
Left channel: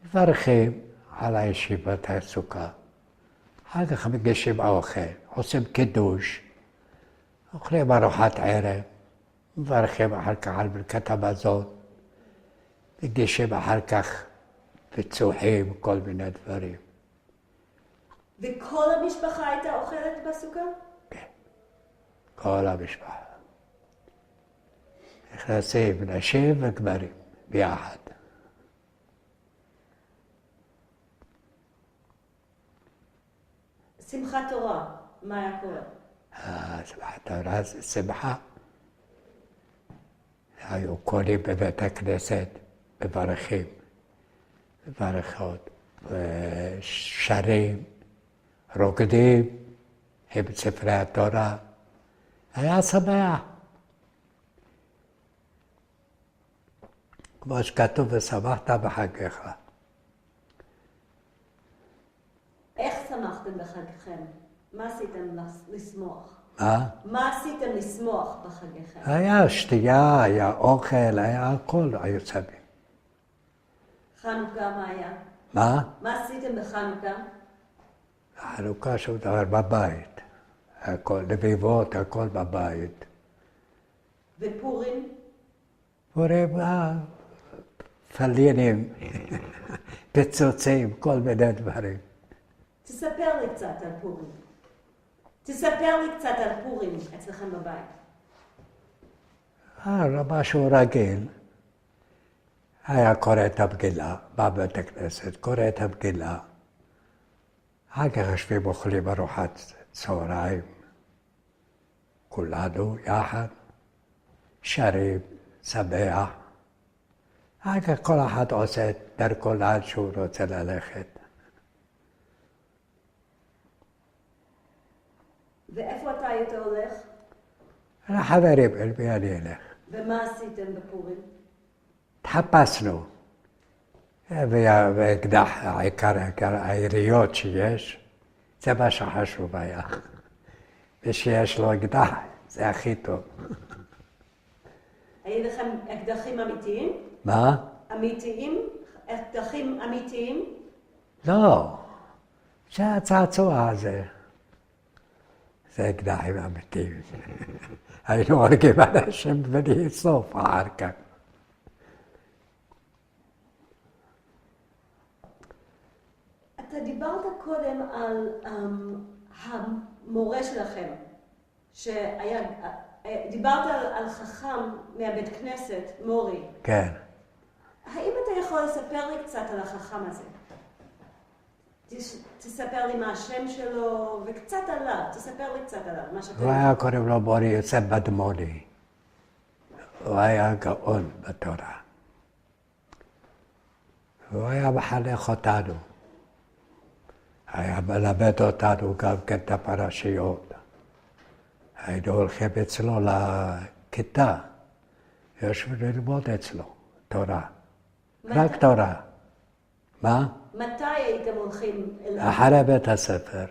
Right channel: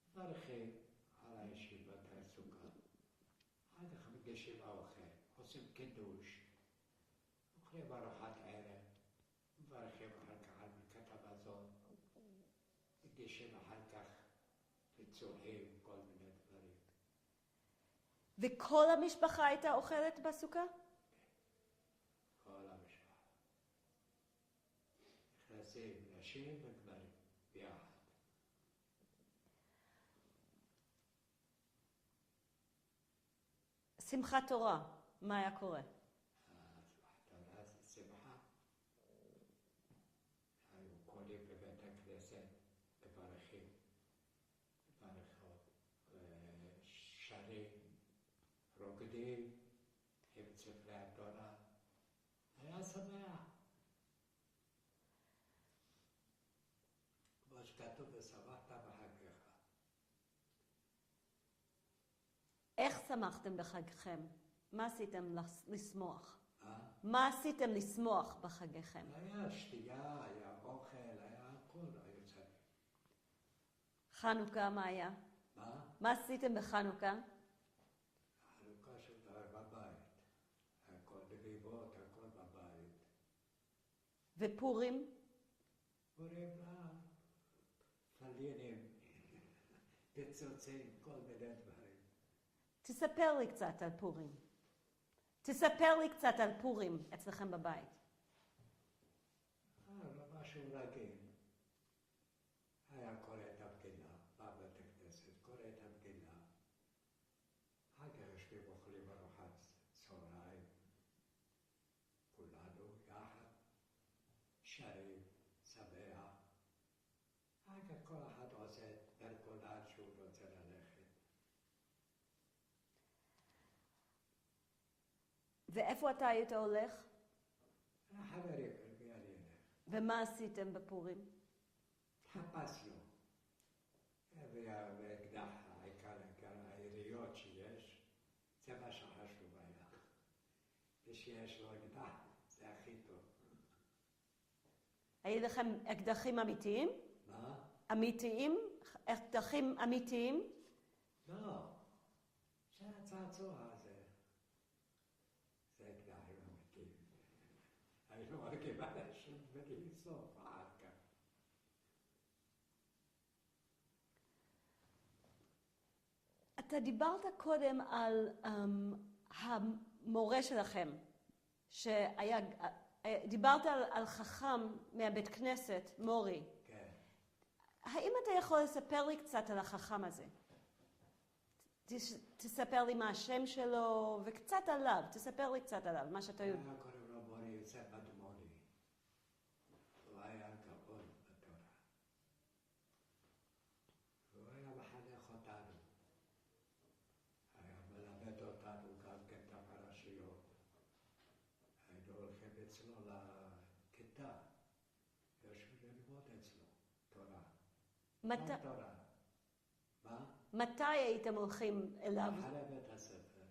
מברכים על הישיבת הסוכה. אחר כך מגישים אוכל, עושים קידוש, אוכלים ארוחת ערב, מברכים אחר כך על ברכת המזון, מגישים אחר כך פיצוחים, כל מיני דברים. וכל המשפחה הייתה אוכלת בסוכה? כן, כל המשפחה. נכנסים נשים וגברים ביחד. שמחת תורה, מה היה קורה? שמחת תורה זה שמחה. היו קוראים בבית הכנסת, מברכים, מברכות, שרים, רוקדים עם ספרי התורה. היה שמח. כמו שכתוב, ושמחת בחגיך. איך שמחתם בחגיכם? מה עשיתם לשמוח? מה? מה עשיתם לשמוח בחגיכם? היה שתייה, היה אוכל, היה הכל, היו שמים. חנוכה מה היה? מה? מה עשיתם בחנוכה? חנוכה שום דבר בבית. הכל, לביבות, הכל בבית. ופורים? פורים, פלינים, פיצוצים, כל מיני דברים. תספר לי קצת על פורים. תספר לי קצת על פורים אצלכם בבית. משהו רגיל. היה קורא את המגילה, בא בבית הכנסת, קורא את המגילה. אחר כך יושבים אוכלים ארוחת צהריים. כולנו יחד, שרים, שמח. אחר כך כל אחד עושה את דרכו לאן שהוא רוצה ללכת. ואיפה אתה היית הולך? לחברים, אל מי אני אלך. ומה עשיתם בפורים? התחפשנו. ואקדח, העיקר היריות שיש, זה מה שחשוב היה. ושיש לו אקדח, זה הכי טוב. היו לכם אקדחים אמיתיים? מה? אמיתיים? אקדחים אמיתיים? לא, זה הצעצוע הזה. זה אקדחים אמיתיים. היינו הורגים אנשים בלי סוף אחר כך. אתה דיברת קודם על המורה שלכם, דיברת על חכם מהבית כנסת, מורי. כן. האם אתה יכול לספר לי קצת על החכם הזה? תספר לי מה השם שלו, וקצת עליו, תספר לי קצת עליו, מה שאתה... הוא היה קוראים לו מורי יוסף בדמוני. הוא היה גאון בתורה. הוא היה מחנך אותנו. היה מלמד אותנו גם כן את הפרשיות. היינו הולכים אצלו לכיתה, יושבים ללמוד אצלו תורה. רק תורה. מה? מתי הייתם הולכים אליו? אחרי בית הספר.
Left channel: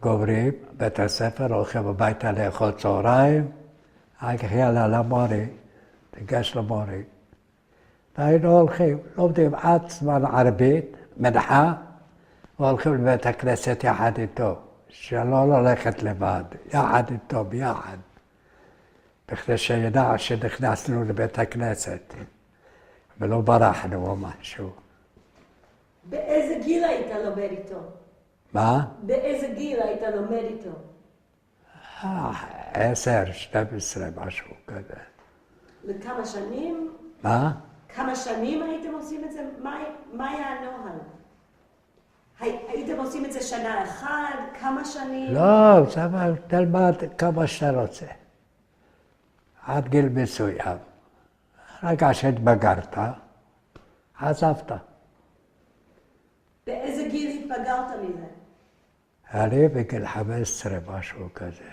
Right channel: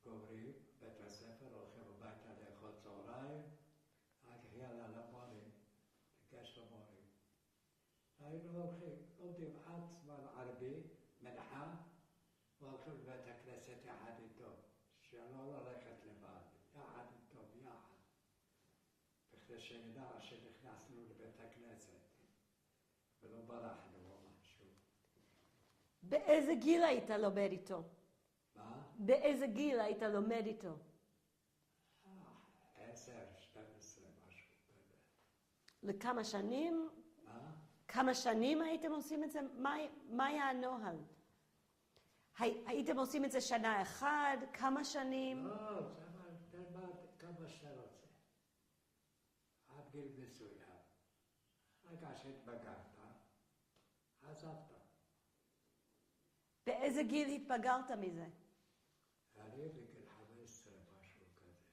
גומרים, בית הספר, הולכים הביתה לאכול צהריים, אחר כך יאללה למורי, תיגש למורי. והיינו הולכים, לומדים עד זמן ערבית, מנחה, והולכים לבית הכנסת יחד איתו, שלא ללכת לבד, יחד איתו, ביחד. בכדי שידע שנכנסנו לבית הכנסת, ולא ברחנו או משהו. באיזה גיל היית לומד איתו? מה? באיזה גיל היית לומד איתו? 10, 12, משהו כזה. לכמה שנים? מה? כמה שנים הייתם עושים את זה? מה היה הנוהל? הייתם עושים את זה שנה אחת? כמה שנים? לא, תלמד כמה שאתה רוצה. עד גיל מסוים. רגע שהתבגרת, עזבת. באיזה גיל התבגרת מזה? אני בגיל 15, משהו כזה.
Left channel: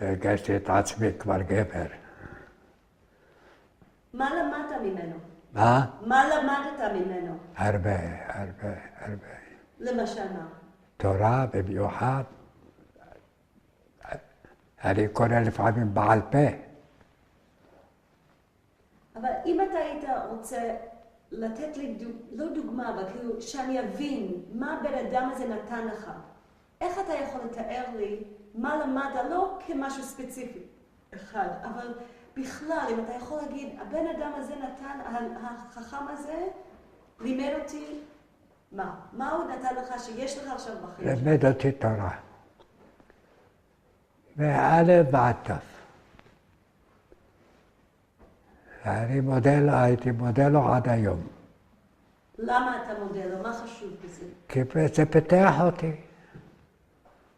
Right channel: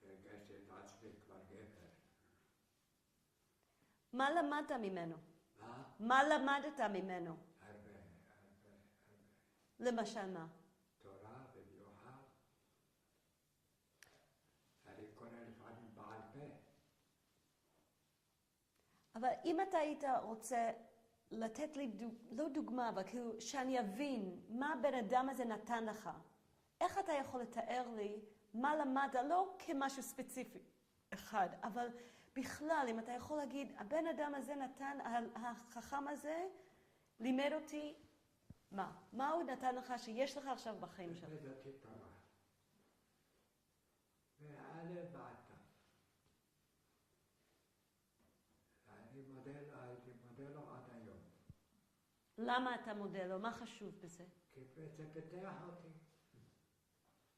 הרגשתי את עצמי כבר גבר. מה למדת ממנו? מה? מה למדת ממנו? הרבה. למשל מה? תורה במיוחד. אני קורא לפעמים בעל פה. אבל אם אתה היית רוצה לתת לי, לא דוגמה, אבל כאילו שאני אבין מה הבן אדם הזה נתן לך, איך אתה יכול לתאר לי מה למדת, לא כמשהו ספציפי אחד, אבל בכלל, אם אתה יכול להגיד, הבן אדם הזה נתן, החכם הזה לימד אותי, מה? מה הוא נתן לך שיש לך עכשיו בחיים? לימד אותי תורה. מאלף ועד תף. ואני הייתי מודה לו עד היום. למה אתה מודה לו? מה חשוב בזה? כי זה פיתח אותי.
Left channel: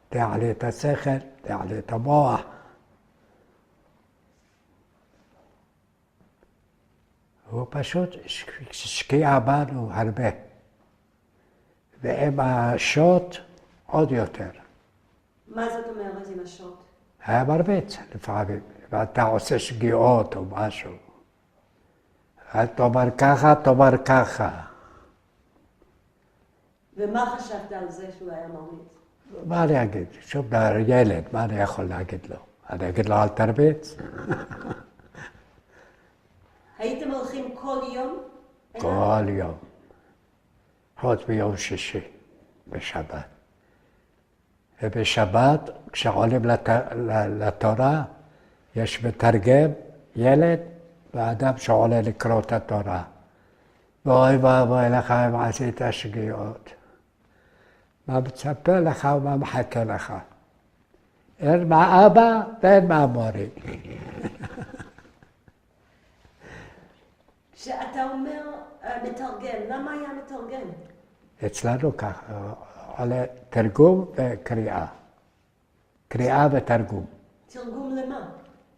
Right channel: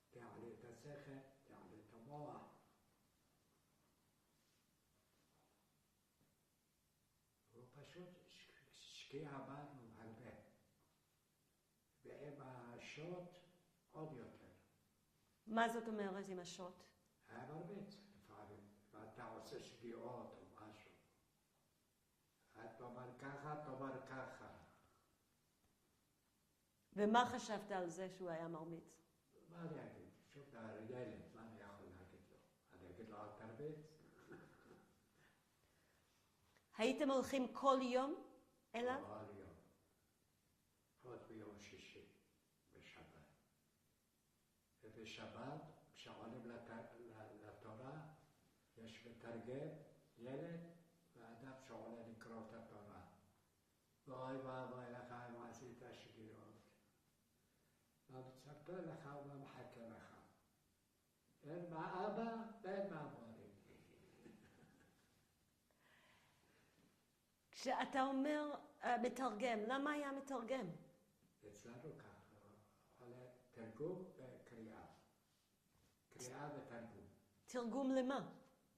פיתח לי את השכל, פיתח לי את המוח. הוא פשוט השקיע בנו הרבה. ועם השוט עוד יותר. מה זאת אומרת עם השוט? היה מרביץ לפעמים, ואתה עושה שגיאות או משהו. אל תאמר ככה, תאמר ככה. ומה חשבת על זה שהוא היה מרביץ? מה אני אגיד? שום דבר, ילד, מה אני יכול להגיד לו? אני אגיד לו אל תרביץ? הייתם הולכים כל יום? כל יום. חוץ ביום שישי, בשבת. ובשבת, כשעולים לתורה, יש מתרגם, ילד, ואדם שעולה לקרוא את התורה. ואוי ואבוי לך אם עשית שגיאות. מה מצפה לך ומה מחכה לך. אין מהאבא ואין מהמורי. כשאתה אומר מתרגם, למה היה מתרגם? אצלנו ככה, עולה תרגום וקריאה. קריאה ותרגום. תרגום למה?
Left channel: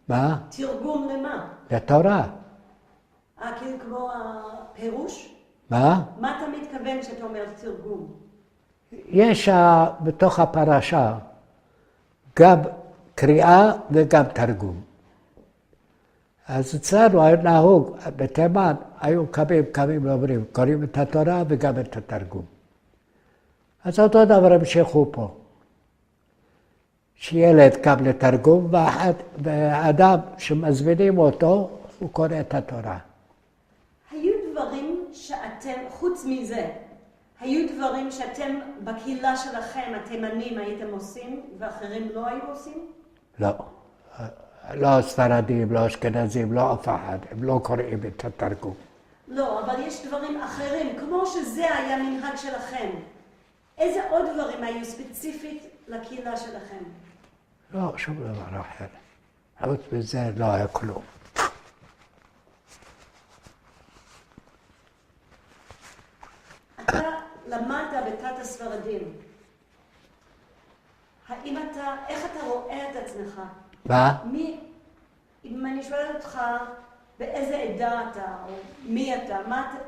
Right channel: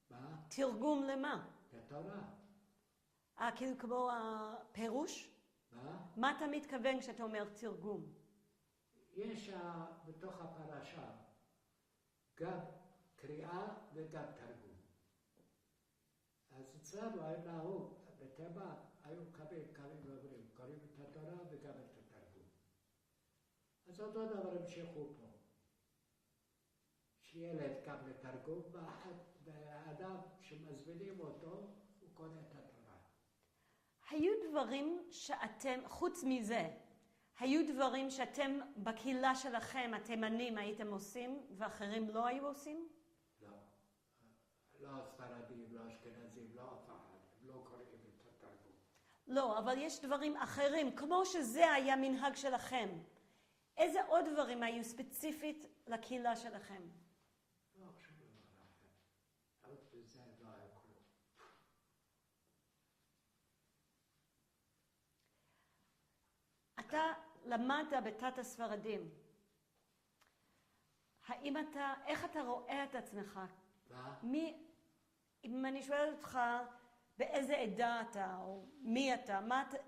מה? תרגום למה? לתורה. כאילו כמו הפירוש? מה? מה אתה מתכוון כשאתה אומר תרגום? יש בתוך הפרשה גם קריאה וגם תרגום. אז אצלנו היה נהוג, בתימן היו קמים ואומרים, קוראים את התורה וגם את התרגום. אז אותו דבר המשיכו פה. שילד קם לתרגום, ואדם שמזמינים אותו, הוא קורא את התורה. היו דברים שאתם, חוץ מזה, היו דברים שאתם בקהילה שלכם, התימנים, הייתם עושים, ואחרים לא היו עושים? לא. לא ספרדים, לא אשכנזים, לא אף אחד. הם לא קוראים את התרגום. לא, אבל יש דברים אחרים, כמו שזה היה מנהג שלכם. איזה עוד דברים היו ספציפית לקהילה שלכם? לא, שום דבר אחר. חוץ מזה לא היה כלום. אתה למדת בתת הספרדים. איך אתה רואה את עצמך? מה? אם אני שואלת אותך באיזה עדה אתה, או מי אתה,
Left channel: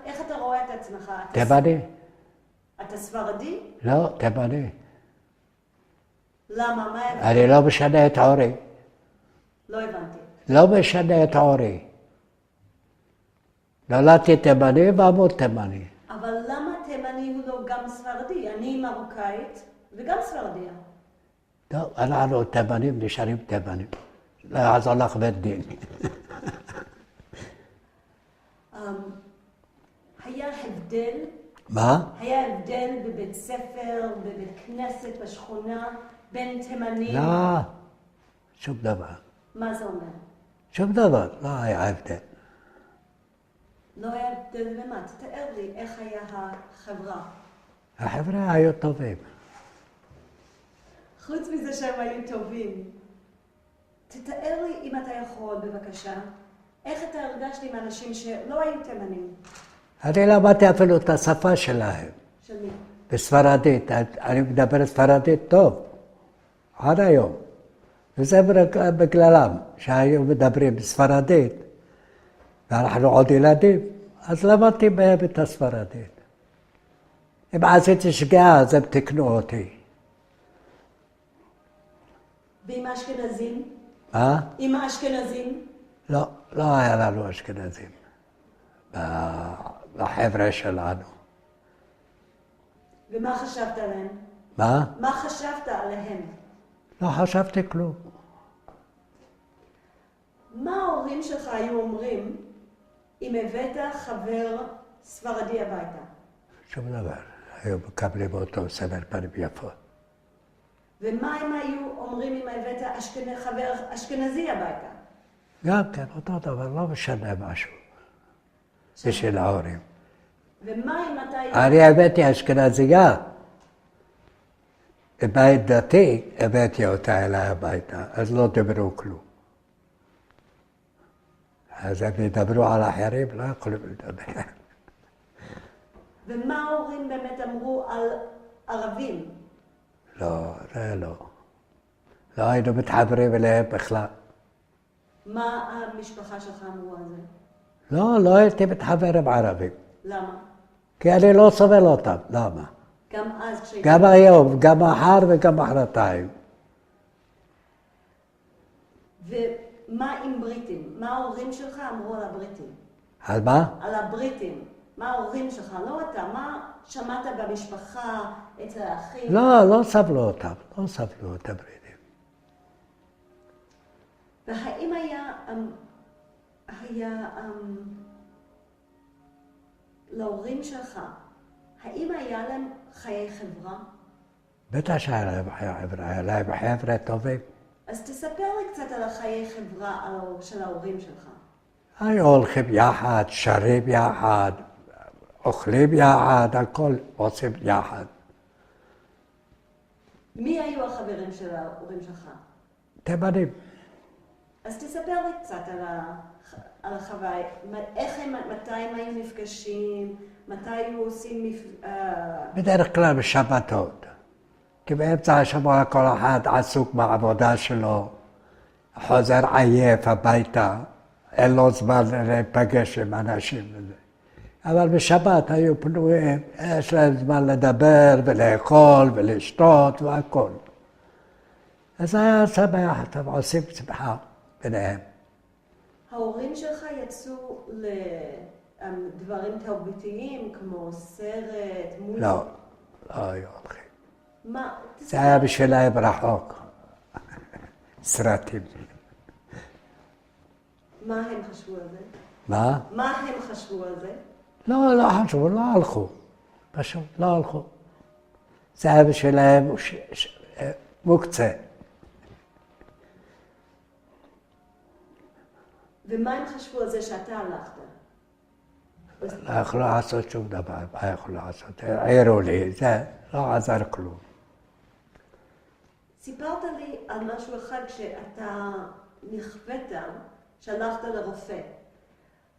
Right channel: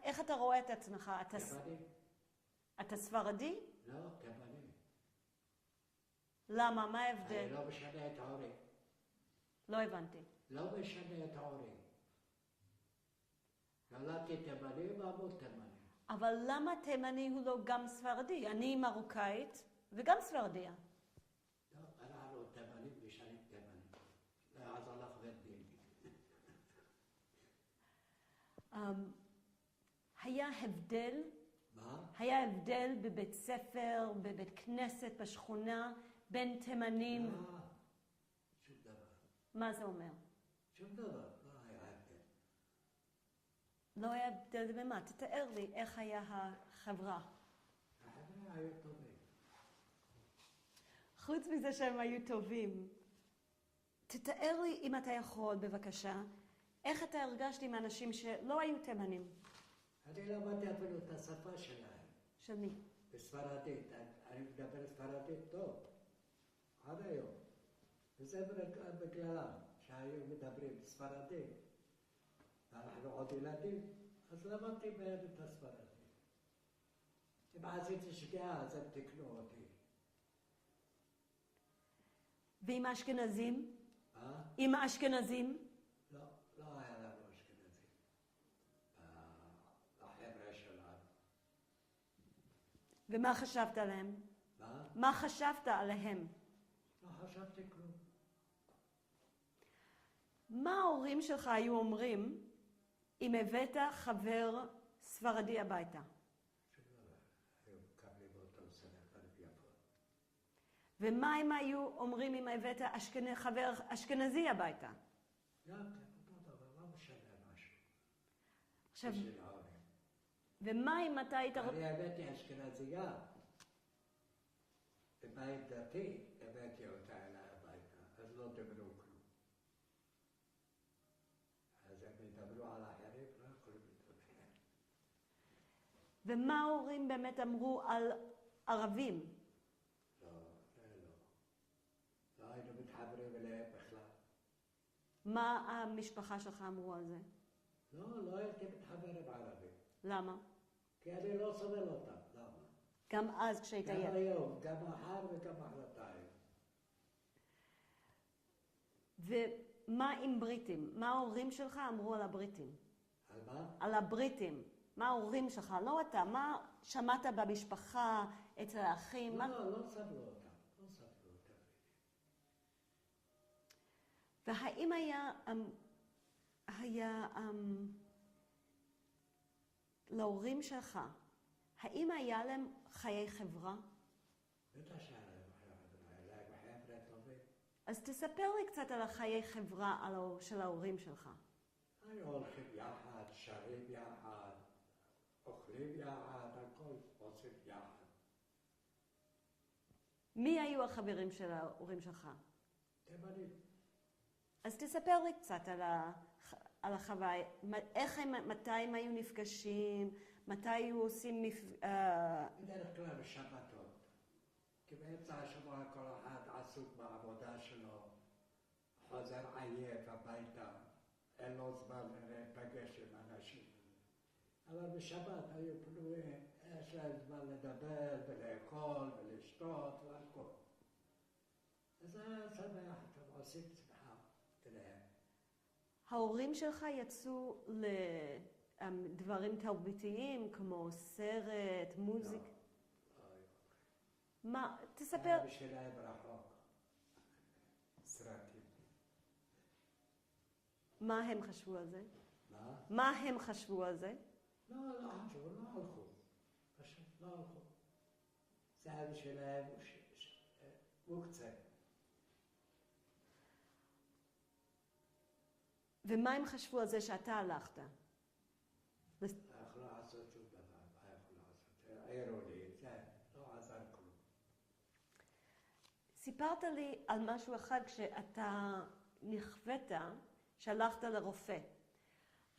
איך אתה רואה את עצמך? תימני. אתה ספרדי? לא, תימני. למה? מה הבנתי? אני לא משנה את עורי. לא הבנתי. לא משנה את עורי. נולדתי תימני ואמות תימני. אבל למה תימני הוא לא גם ספרדי? אני מרוקאית וגם ספרדיה. טוב, אנחנו תימנים נשארים תימנים. לא יעזור לך בית דין. היה הבדל? מה? היה הבדל בבית ספר, בבית כנסת, בשכונה, בין תימנים? לא, שום דבר. מה זה אומר? שום דבר, לא היה הבדל. לא היה הבדל במה? תתאר לי איך היה החברה. החבר'ה היו טובים. חוץ מזה שהם היו טובים, תתאר לי, אם אתה יכול, בבקשה, איך אתה הרגשת עם אנשים שלא היו תימנים? אני למדתי אפילו את השפה שלהם. של מי? בספרדית. אני מדבר ספרדית טוב. עד היום. וזה בגללם, שהיו מדברים בספרדית, ואנחנו עוד ילדים, אז למדתי בהם את הספרדית. אם עשיתי שגיאה, אז הם תקנו אותי. ועם האשכנזים? מה? עם האשכנזים? לא, לא היה לנו אשכנזים. בחבר'ה שלנו. ומה חשבת עליהם? מה? מה חשבת עליהם? לא חשבתי כלום. מה ההורים שלך היו אומרים אם הבאת חבר ספרדי הביתה? שום דבר. היו מקבלים אותו סבר פנים יפות. ומה הם היו אומרים אם הבאת חבר אשכנזי הביתה? גם כן, אותו דבר, לא משנה משהו. בשביל ההורים. ומה אם אתה... אני הבאתי אשכנזייה. בבית דתי הבאתי אותה אליי הביתה, אז לא דיברו כלום. אז הם ידברו על אחרים, לא יכולים לדבר. ומה ההורים באמת אמרו על ערבים? לא, זה לא. לא היינו מתחברים אליהם בכלל. מה המשפחה שלך אמרו על זה? לא הייתי מתחבר עם ערבים. למה? כי אני לא סובל אותם. למה? גם אז כשהיית... גם היום, גם מחר וגם מחרתיים. ומה עם בריטים? מה ההורים שלך אמרו על הבריטים? על מה? על הבריטים. מה ההורים שלך? לא אתה. מה שמעת במשפחה, אצל האחים? לא סבלו אותם. לא סבלו את הבריטים. והאם היה להורים שלך, האם היה להם חיי חברה? בטח שהיה להם חיי חברה, היה להם חבר'ה טובים. אז תספר לי קצת על החיי חברה של ההורים שלך. היו הולכים יחד, שרים יחד, אוכלים יחד, הכל עושים יחד. מי היו החברים של ההורים שלך? תימנים. אז תספר לי קצת על החוויה. מתי הם היו נפגשים? מתי היו עושים בדרך כלל בשבתות. כי באמצע השבוע כל אחד עסוק בעבודה שלו, חוזר עייף הביתה, אין לו זמן להיפגש עם אנשים וזה. אבל בשבת היו פנויים, יש להם זמן לדבר ולאכול ולשתות והכל. אז היה שמח, אתם עושים שמחה ביניהם. ההורים שלך יצאו לדברים תרבותיים כמו סרט, מוזיקה? לא היו הולכים. מה? זה היה בשבילהם רחוק. סרטים. מה הם חשבו על זה? מה? מה הם חשבו על זה? לא חשבו, לא הלכו. פשוט לא הלכו. זה היה בשבילהם מוקצה. ומה הם חשבו על זה שאתה הלכת? לא יכלו לעשות שום דבר, מה יכלו לעשות? העירו לי, זה לא עזר כלום. סיפרת לי על משהו אחד שאתה נכווית, שהלכת לרופא.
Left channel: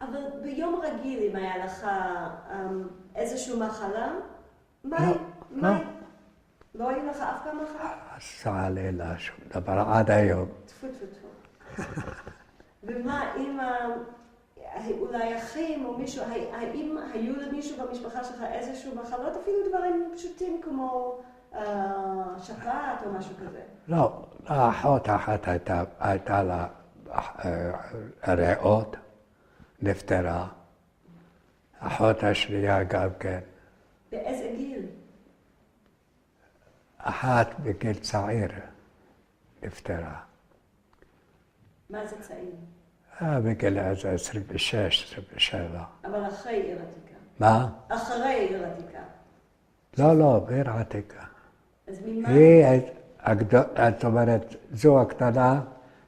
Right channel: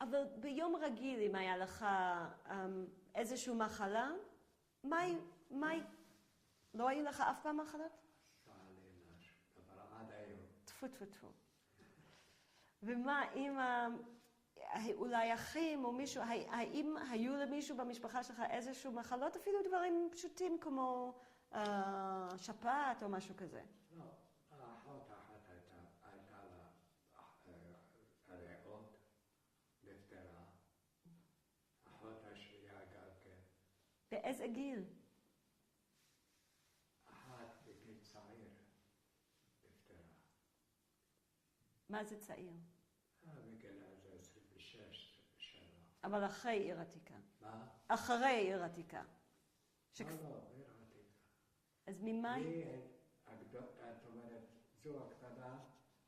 אבל ביום רגיל, אם היה לך איזושהי מחלה, לא היה לך אף פעם מחלה? עשה לי לה שום דבר עד היום. טפו טפו טפו. ומה אם אולי אחים או מישהו, האם היו למישהו במשפחה שלך איזשהו מחלות, אפילו דברים פשוטים כמו שפעת או משהו כזה? לא, האחות אחת הייתה לה ריאות, נפטרה. האחות השנייה גם כן. באיזה גיל? אחת בגיל צעיר נפטרה. מה זה צעיר? בגיל איזה 26, 27. אבל אחרי עיר עתיקה. מה? אחרי עיר עתיקה. לא, בעיר עתיקה. אז ממה? זאת אומרת, זו הקטנה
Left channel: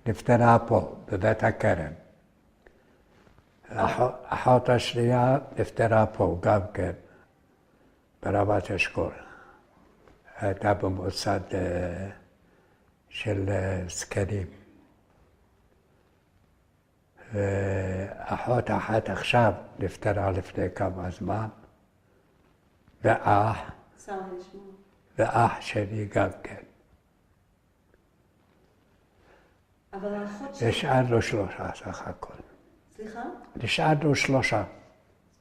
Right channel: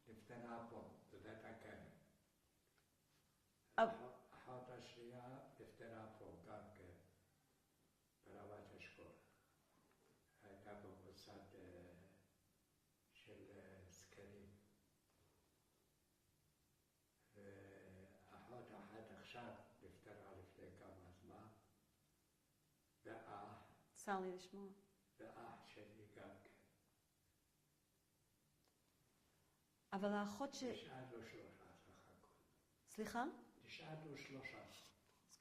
נפטרה פה, בבית הכרם. האחות השנייה נפטרה פה גם כן, ברמת אשכול. הייתה במוסד של זקנים. ואחות אחת עכשיו נפטרה לפני כמה זמן, ואח שלי גם כן. אבל האחות שלי... נשארנו 3 סך הכל. סליחה? נשארנו 3. אז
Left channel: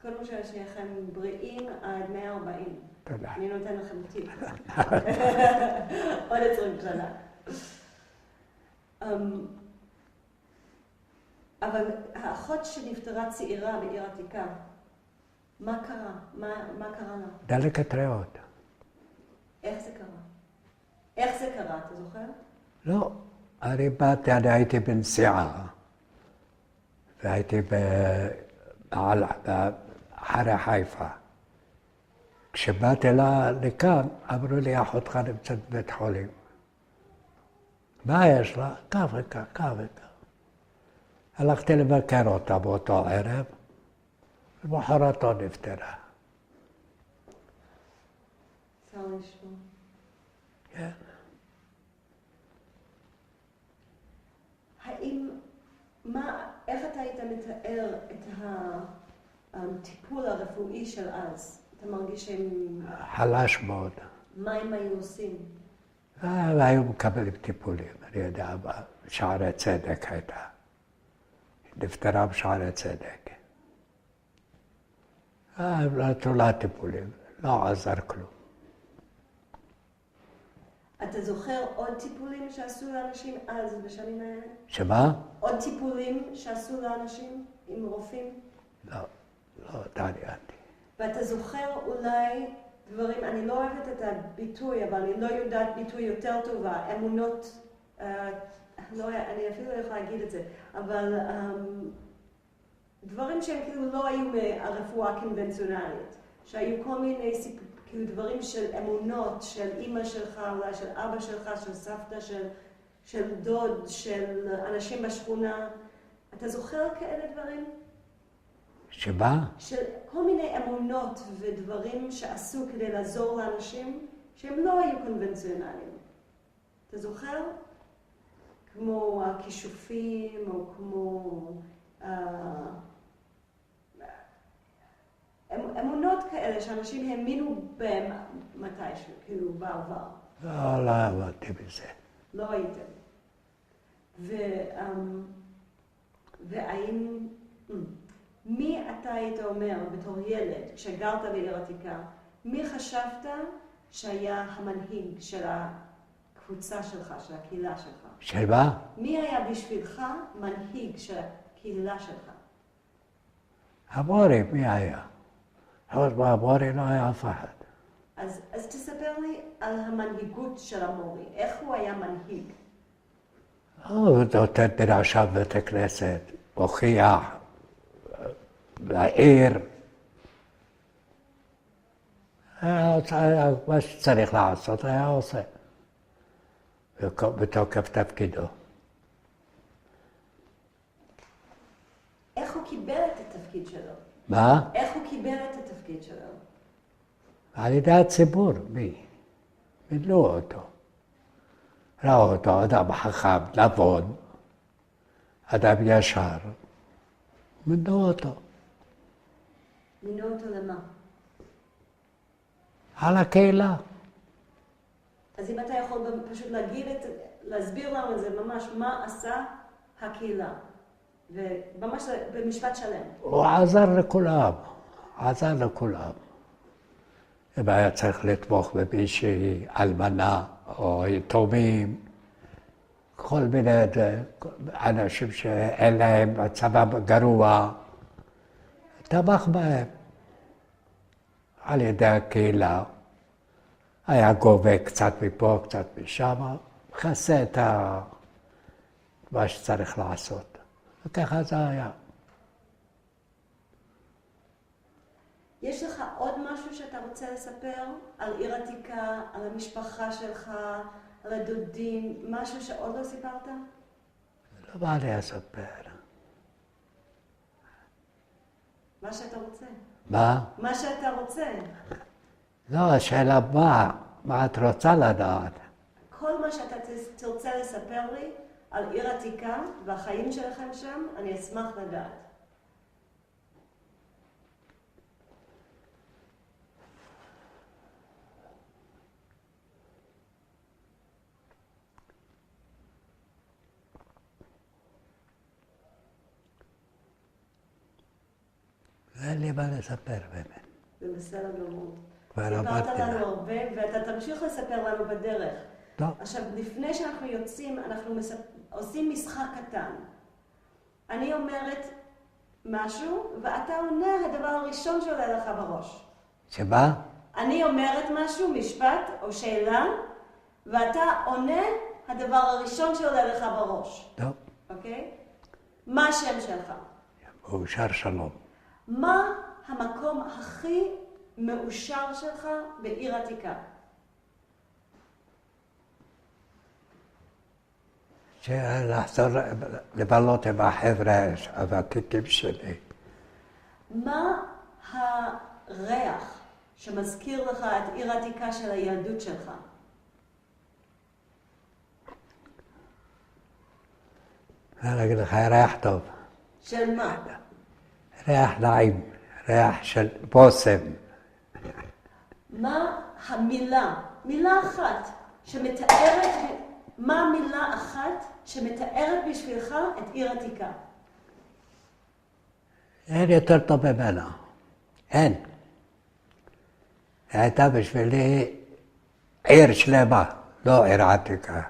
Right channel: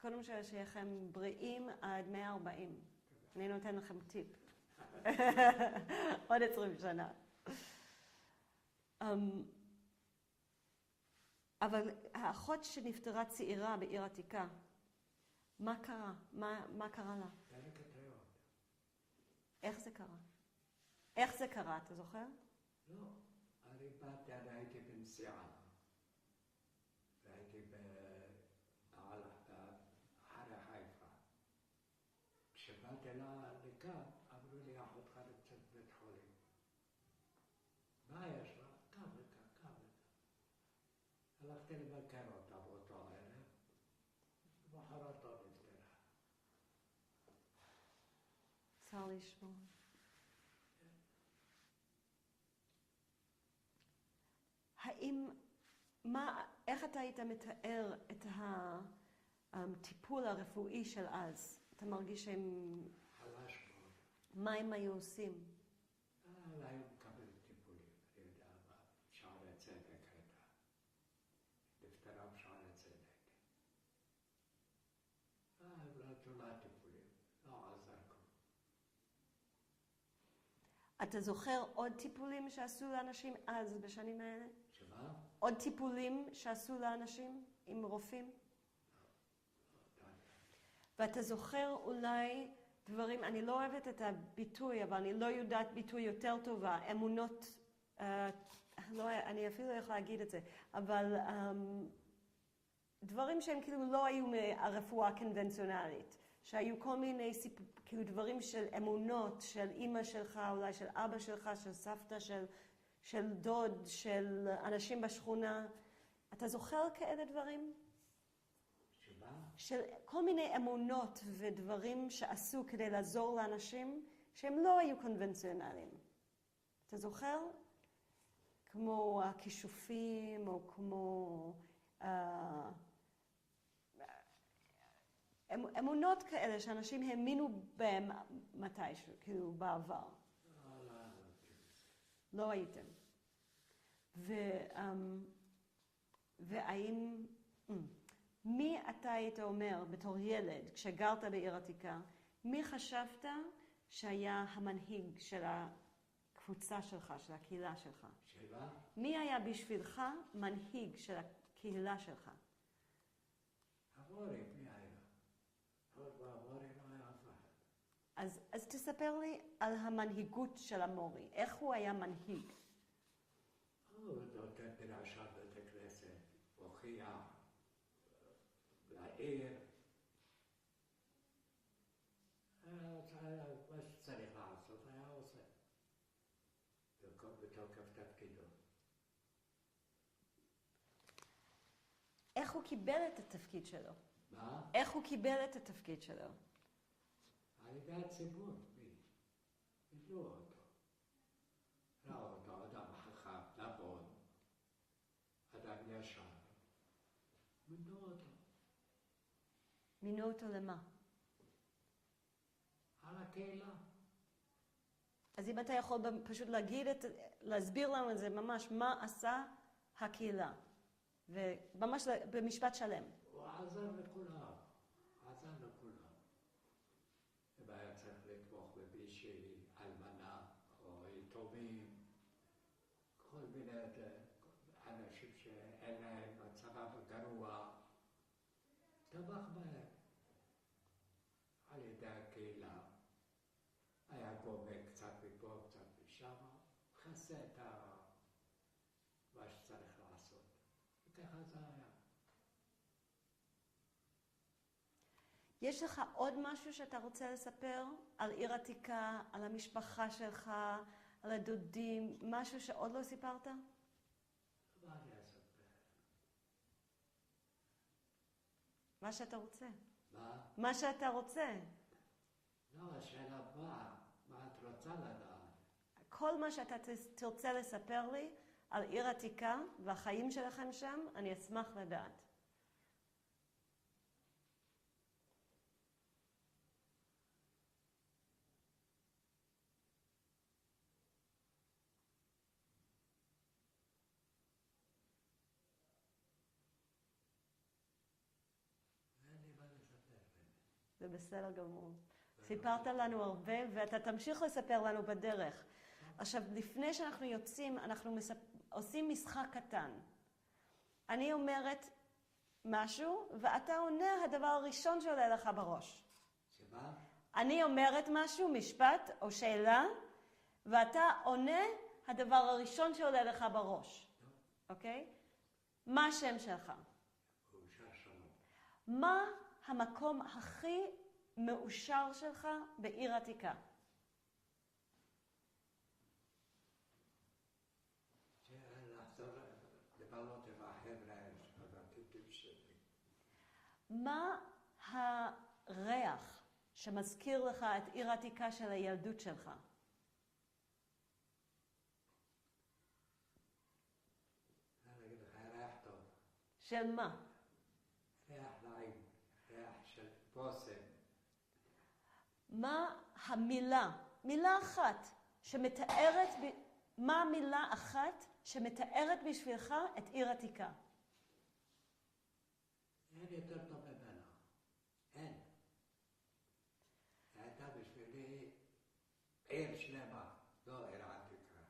קודם שיכם בריאים עד 140. תודה. אני נותן לכם טיפ. עוד 20 שנה. אבל האחות שנפטרה צעירה בעיר עתיקה, מה קרה? מה קרה לה? דלקת ריאות. איך זה קרה? איך זה קרה, אתה זוכר? לא, אני הייתי בנסיעה, והייתי אחרי חיפה. כשבאתי לכאן, אמרו לי, אחותך נמצאת בבית חולים. מה יש לה? כך וכך. הלכתי לבקר אותה באותו ערב, ומחרתו נפטרה. צר לשמוע. כן. איך אתה היית מתאר את הטיפול הרפואי של אז? אתה מרגיש שהם... חלש מאוד. מה הם היו עושים? היו מקבלים טיפולים, אני יודע, בשערי צדק הייתה. נפטרה בשערי צדק. הם נתנו לה טיפולים, לא עזר כלום. אתה זוכר עוד טיפולים שעשו לאנשים אז, בשנים האלה? שמה? עוד טיפולים שעשו לאנשים עם רופאים? לא התעניינתי. ואתה זוכר אולי דברים, אני לא אוהבת את הביטוי, אבל אני לא יודעת ביטוי יותר טובה, אמונות, אני אפילו לא יכולה להגיד את זה, אבל דברים שהם כאילו לא היו מהרפואה הקונבנציונלית, שהיו כל מיני כאילו דברים של אמונות, של אמא שלך, אולי של אבא שלך, של סבתא, של דוד, של אנשים בשכונה. אתה זוכר כאלה דברים? שמה? של כל מיני אמונות ודברים שעשו כדי לעזור לאנשים שהם לא היו קונבנציונליים. אתה זוכר? כמו הכישופים או כמו אמונות כאלה שאנשים האמינו בהם מתישהו, כאילו בעבר. לא עבדתי בזה. לא הייתם. והאם... מי אתה היית אומר בתור ילד, כשגרת בעיר עתיקה, מי חשבת שהיה המנהיג של הקבוצה שלך, של הקהילה שלך? של מה? מי היה בשבילך מנהיג של הקהילה שלך? המורי, מי היה? חוץ מהמורי לא היה אף אחד. אז תספר לי על המנהיגות של המורי, איך הוא היה מנהיג? הוא נותן דרשה בבית הכנסת, הוכיח, לעיר. מה שצריך לעשות היה עושה, בתוקף תפקידו. איך הוא קיבל את התפקיד שלו? מה? איך הוא על ידי הציבור, מי? מינו אותו. ראו אותו אדם חכם, נבון, אדם ישר, מינו אותו. מינו אותו למה? על הקהילה. אז אם אתה יכול פשוט להסביר לנו את זה ממש, מה עשה הקהילה, וממש במשפט שלם. הוא עזר לכולם, עזר לכולם. אם היה צריך לתמוך במישהי, אלמנה או יתומים, כל מיני אנשים שאין להם מצבם גרוע, תמך בהם על ידי הקהילה. היה גובה קצת מפה, קצת משם, מכסה את מה שצריך לעשות. וככה זה היה. יש לך עוד משהו שאתה רוצה לספר על עיר עתיקה, על המשפחה שלך, על הדודים, משהו שעוד לא סיפרת? לא בא לי לספר. מה שאתה רוצה. מה? מה שאתה רוצה. לא, השאלה מה את רוצה לדעת? כל מה שאתה תרצה לספר לי על עיר עתיקה והחיים שלכם שם, אני אשמח לדעת. אין לי מה לספר באמת. זה בסדר גמור. כבר אמרתי סיפרת לך. לנו הרבה, ואתה תמשיך לספר לנו בדרך. טוב. עכשיו, לפני שאנחנו יוצאים, אנחנו עושים משחק קטן. אני אומרת משהו, ואתה עונה הדבר הראשון שעולה לך בראש. שמה? אני אומרת משהו, משפט או שאלה, ואתה עונה הדבר הראשון שעולה לך בראש. טוב. אוקיי? מה השם שלך? מאושר שלום. מה המקום הכי מאושר שלך בעיר עתיקה? לחזור לבלות עם החבר'ה הוותיקים שלי. מה הריח שמזכיר לך את עיר עתיקה של הילדות שלך? אני אגיד לך, ריח טוב. של מה? ריח נעים, ריח של בושם. מה המילה, מילה אחת שמתארת, מה המילה אחת שמתארת בשבילך את עיר עתיקה? אין יותר טוב ממנה. אין. היא הייתה בשבילי עיר שלמה, לא עיר עתיקה.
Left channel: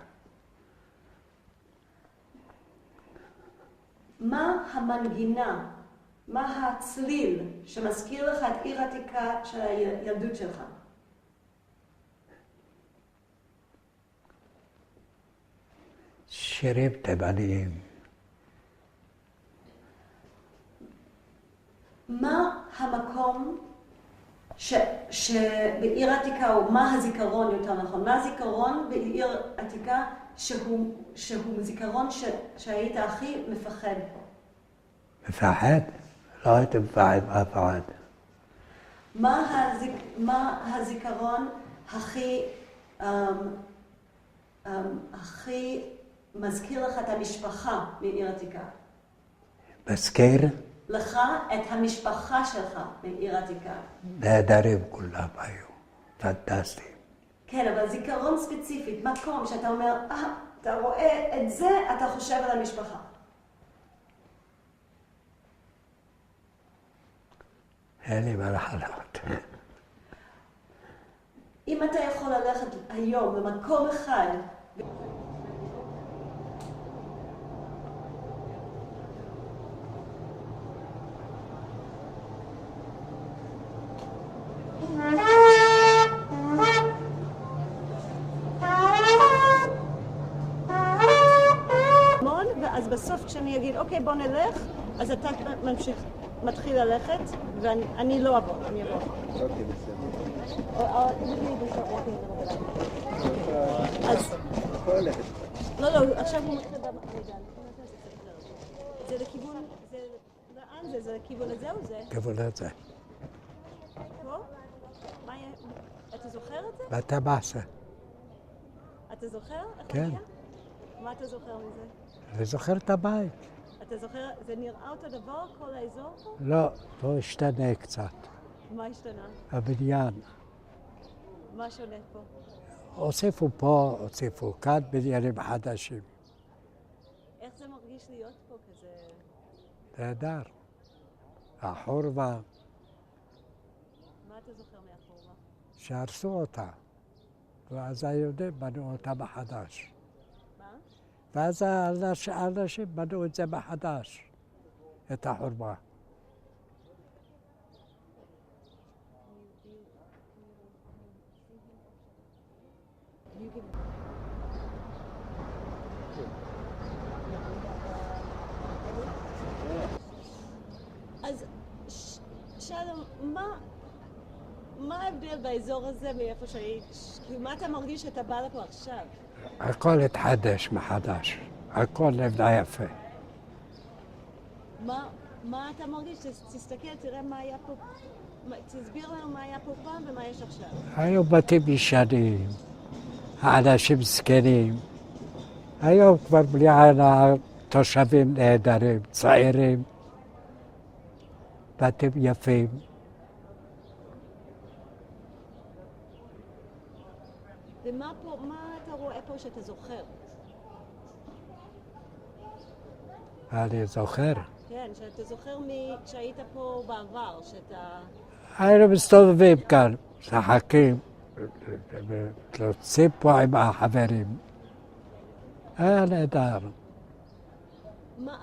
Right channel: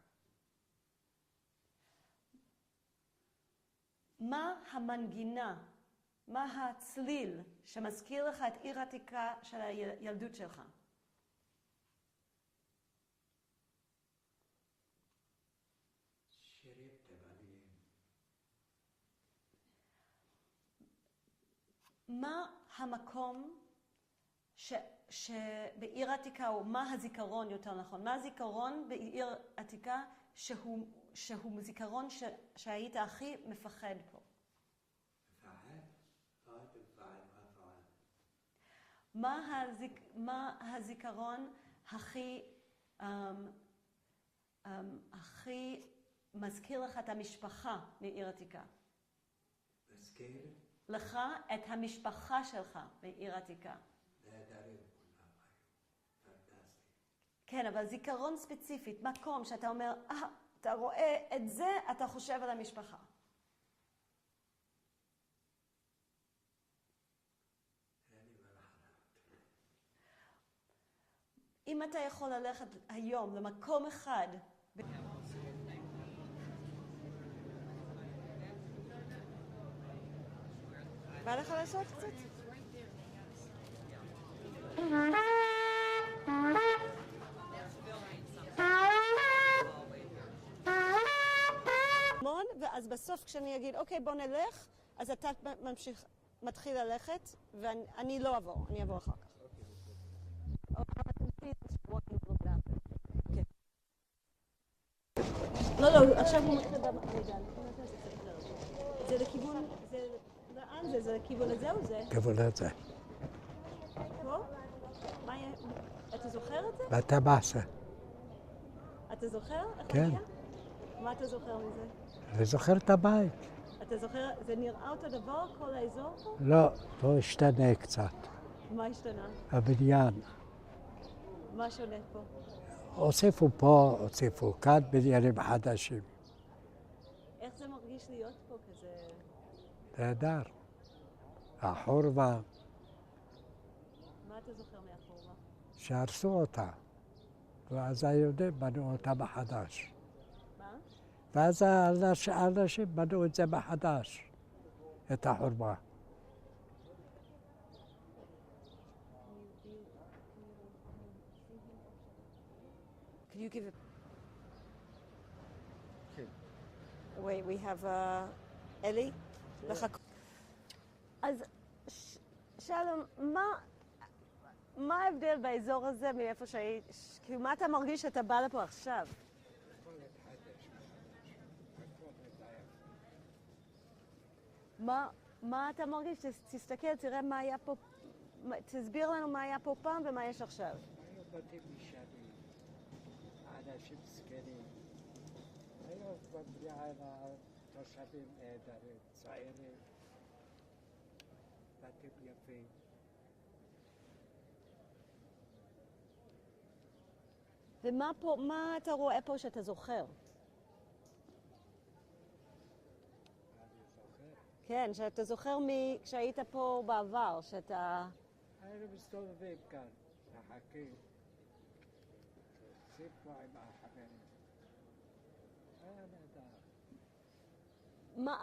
מה המנגינה, מה הצליל שמזכיר לך את עיר עתיקה של הילדות שלך? שירים תימניים. מה המקום שבעיר עתיקה, או מה הזיכרון יותר נכון, מה הזיכרון בעיר עתיקה שהוא זיכרון שהיית הכי מפחד פה? מפחד? לא הייתי מפחד מאף אחד. מה הזיכרון הכי מזכיר לך את המשפחה בעיר עתיקה? מזכיר? לך את המשפחה שלך בעיר עתיקה. נהדרים כולם היו, פנטסטיים. כן, אבל זיכרון ספציפית, מקום שאתה אומר, אתה רואה את זה, אתה חושב על המשפחה. אין לי מה לחלות. אם אתה יכול ללכת היום למקום אחד, בא לך לעשות את זה? אז בסוף כשאני אגיד, אוקיי, בוא נלך, אז אתה מתחיל ללכת, ואני לא אבוא, אני אבוא. אז... לא, עכשיו הוא מתחיל במעגל. זה לכיוון... לאן זה? זה לכיוון הזה או זה? כיוון הזה. פה? מה יהיה? זוכר את זה? בטבעסה. אתה זוכר? כן. מה אתה זוכר מזה? אני זוכר את הבית. אתה זוכר, זה נראה אותו דבר, כל האזור פה? לא, פה השתנה קצת. מה השתנה? הבניין. מה שונה פה? הוסיפו פה, הוסיפו כאן בניינים חדשים. איך זה מרגיש להיות פה כזה? נהדר. החורבה, מה אתה זוכר מהחורבה? שהרסו אותה. ואז היהודים בנו אותה מחדש. מה? ואז האנשים בנו את זה מחדש, את החורבה. Wait, we have אלי? אז שלום, מה ההבדל באזור הזה מאיפה שהיית? כאילו, מה אתה מרגיש שאתה בא לפה עכשיו? הכל התחדש מחדש, הכל נבנה יפה. מה אתה מרגיש? תסתכל, תראה מה היה פה, תסביר לנו מה היה פה פעם ומה יש עכשיו. היו בתים ישנים, האנשים זקנים. היום כבר בלי עין תושבים נהדרים, צעירים, בתים יפים. ומה פה, מה אתה רואה פה שאתה זוכר? אני זוכר. כן, שאתה זוכר כשהיית פה בעבר, שאתה... היינו מסתובבים כאן, משחקים, יוצאים פה עם החברים. היה נהדר.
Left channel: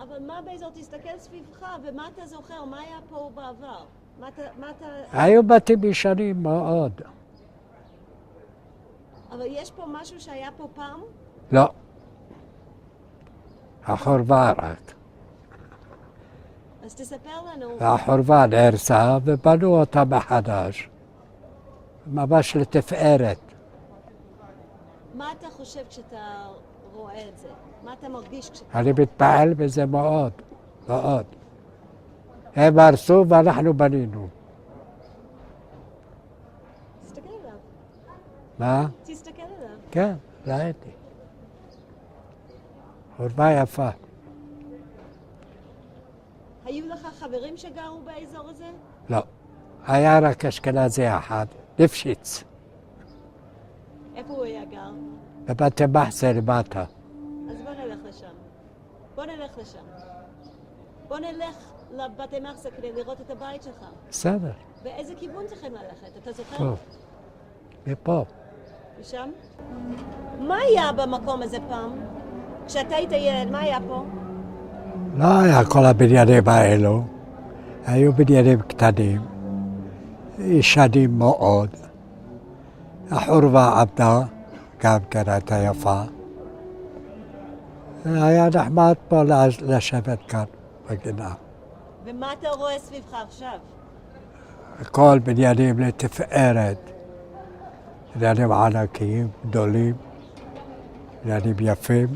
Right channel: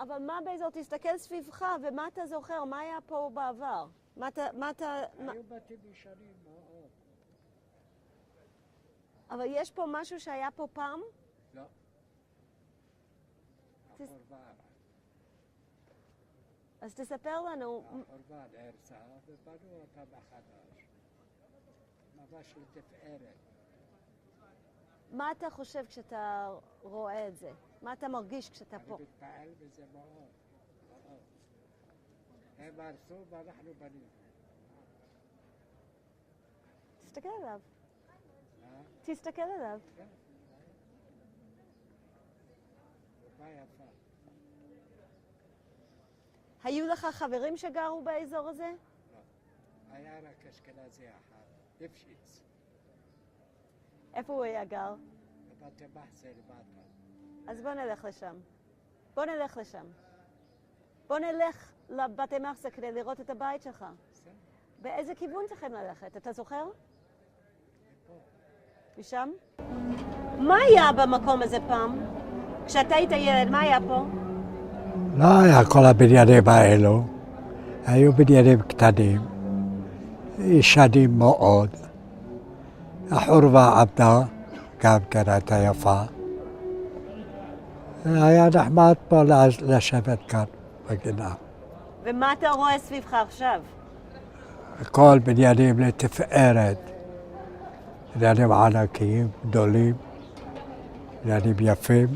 אבל מה באזור? תסתכל סביבך, ומה אתה זוכר? מה היה פה בעבר? מה אתה... היו בתים ישנים מאוד. אבל יש פה משהו שהיה פה פעם? לא. החורבה רק. אז תספר לנו. החורבה נהרסה ובנו אותה מחדש. ממש לתפארת. מה אתה חושב כשאתה רואה את זה? מה אתה מרגיש כשאתה... אני מתפעל בזה מאוד, מאוד. הם הרסו ואנחנו בנינו. תסתכל עליו. מה? תסתכל עליו. כן, ראיתי. חורבה יפה. היו לך חברים שגרו באזור הזה? לא. היה רק אשכנזי אחד, ליפשיץ. איפה הוא היה גר? בבתי מחסה למטה. אז בוא נלך לשם. בוא נלך לשם. בוא נלך לבתי מחסה כדי לראות את הבית שלך. בסדר. באיזה כיוון צריכים ללכת? אתה זוכר? פה. מפה. משם? מה היה במקום הזה פעם? כשאתה היית ילד, מה היה פה? לא היה כל הבניינים האלו. היו בניינים קטנים, ישנים מאוד. החורבה עבדה, גם כן הייתה יפה. היה נחמד פה לשבת כאן בגינה. ומה אתה רואה סביבך עכשיו? הכל בניינים לתפארת. בניינים ענקיים, גדולים, בניינים יפים.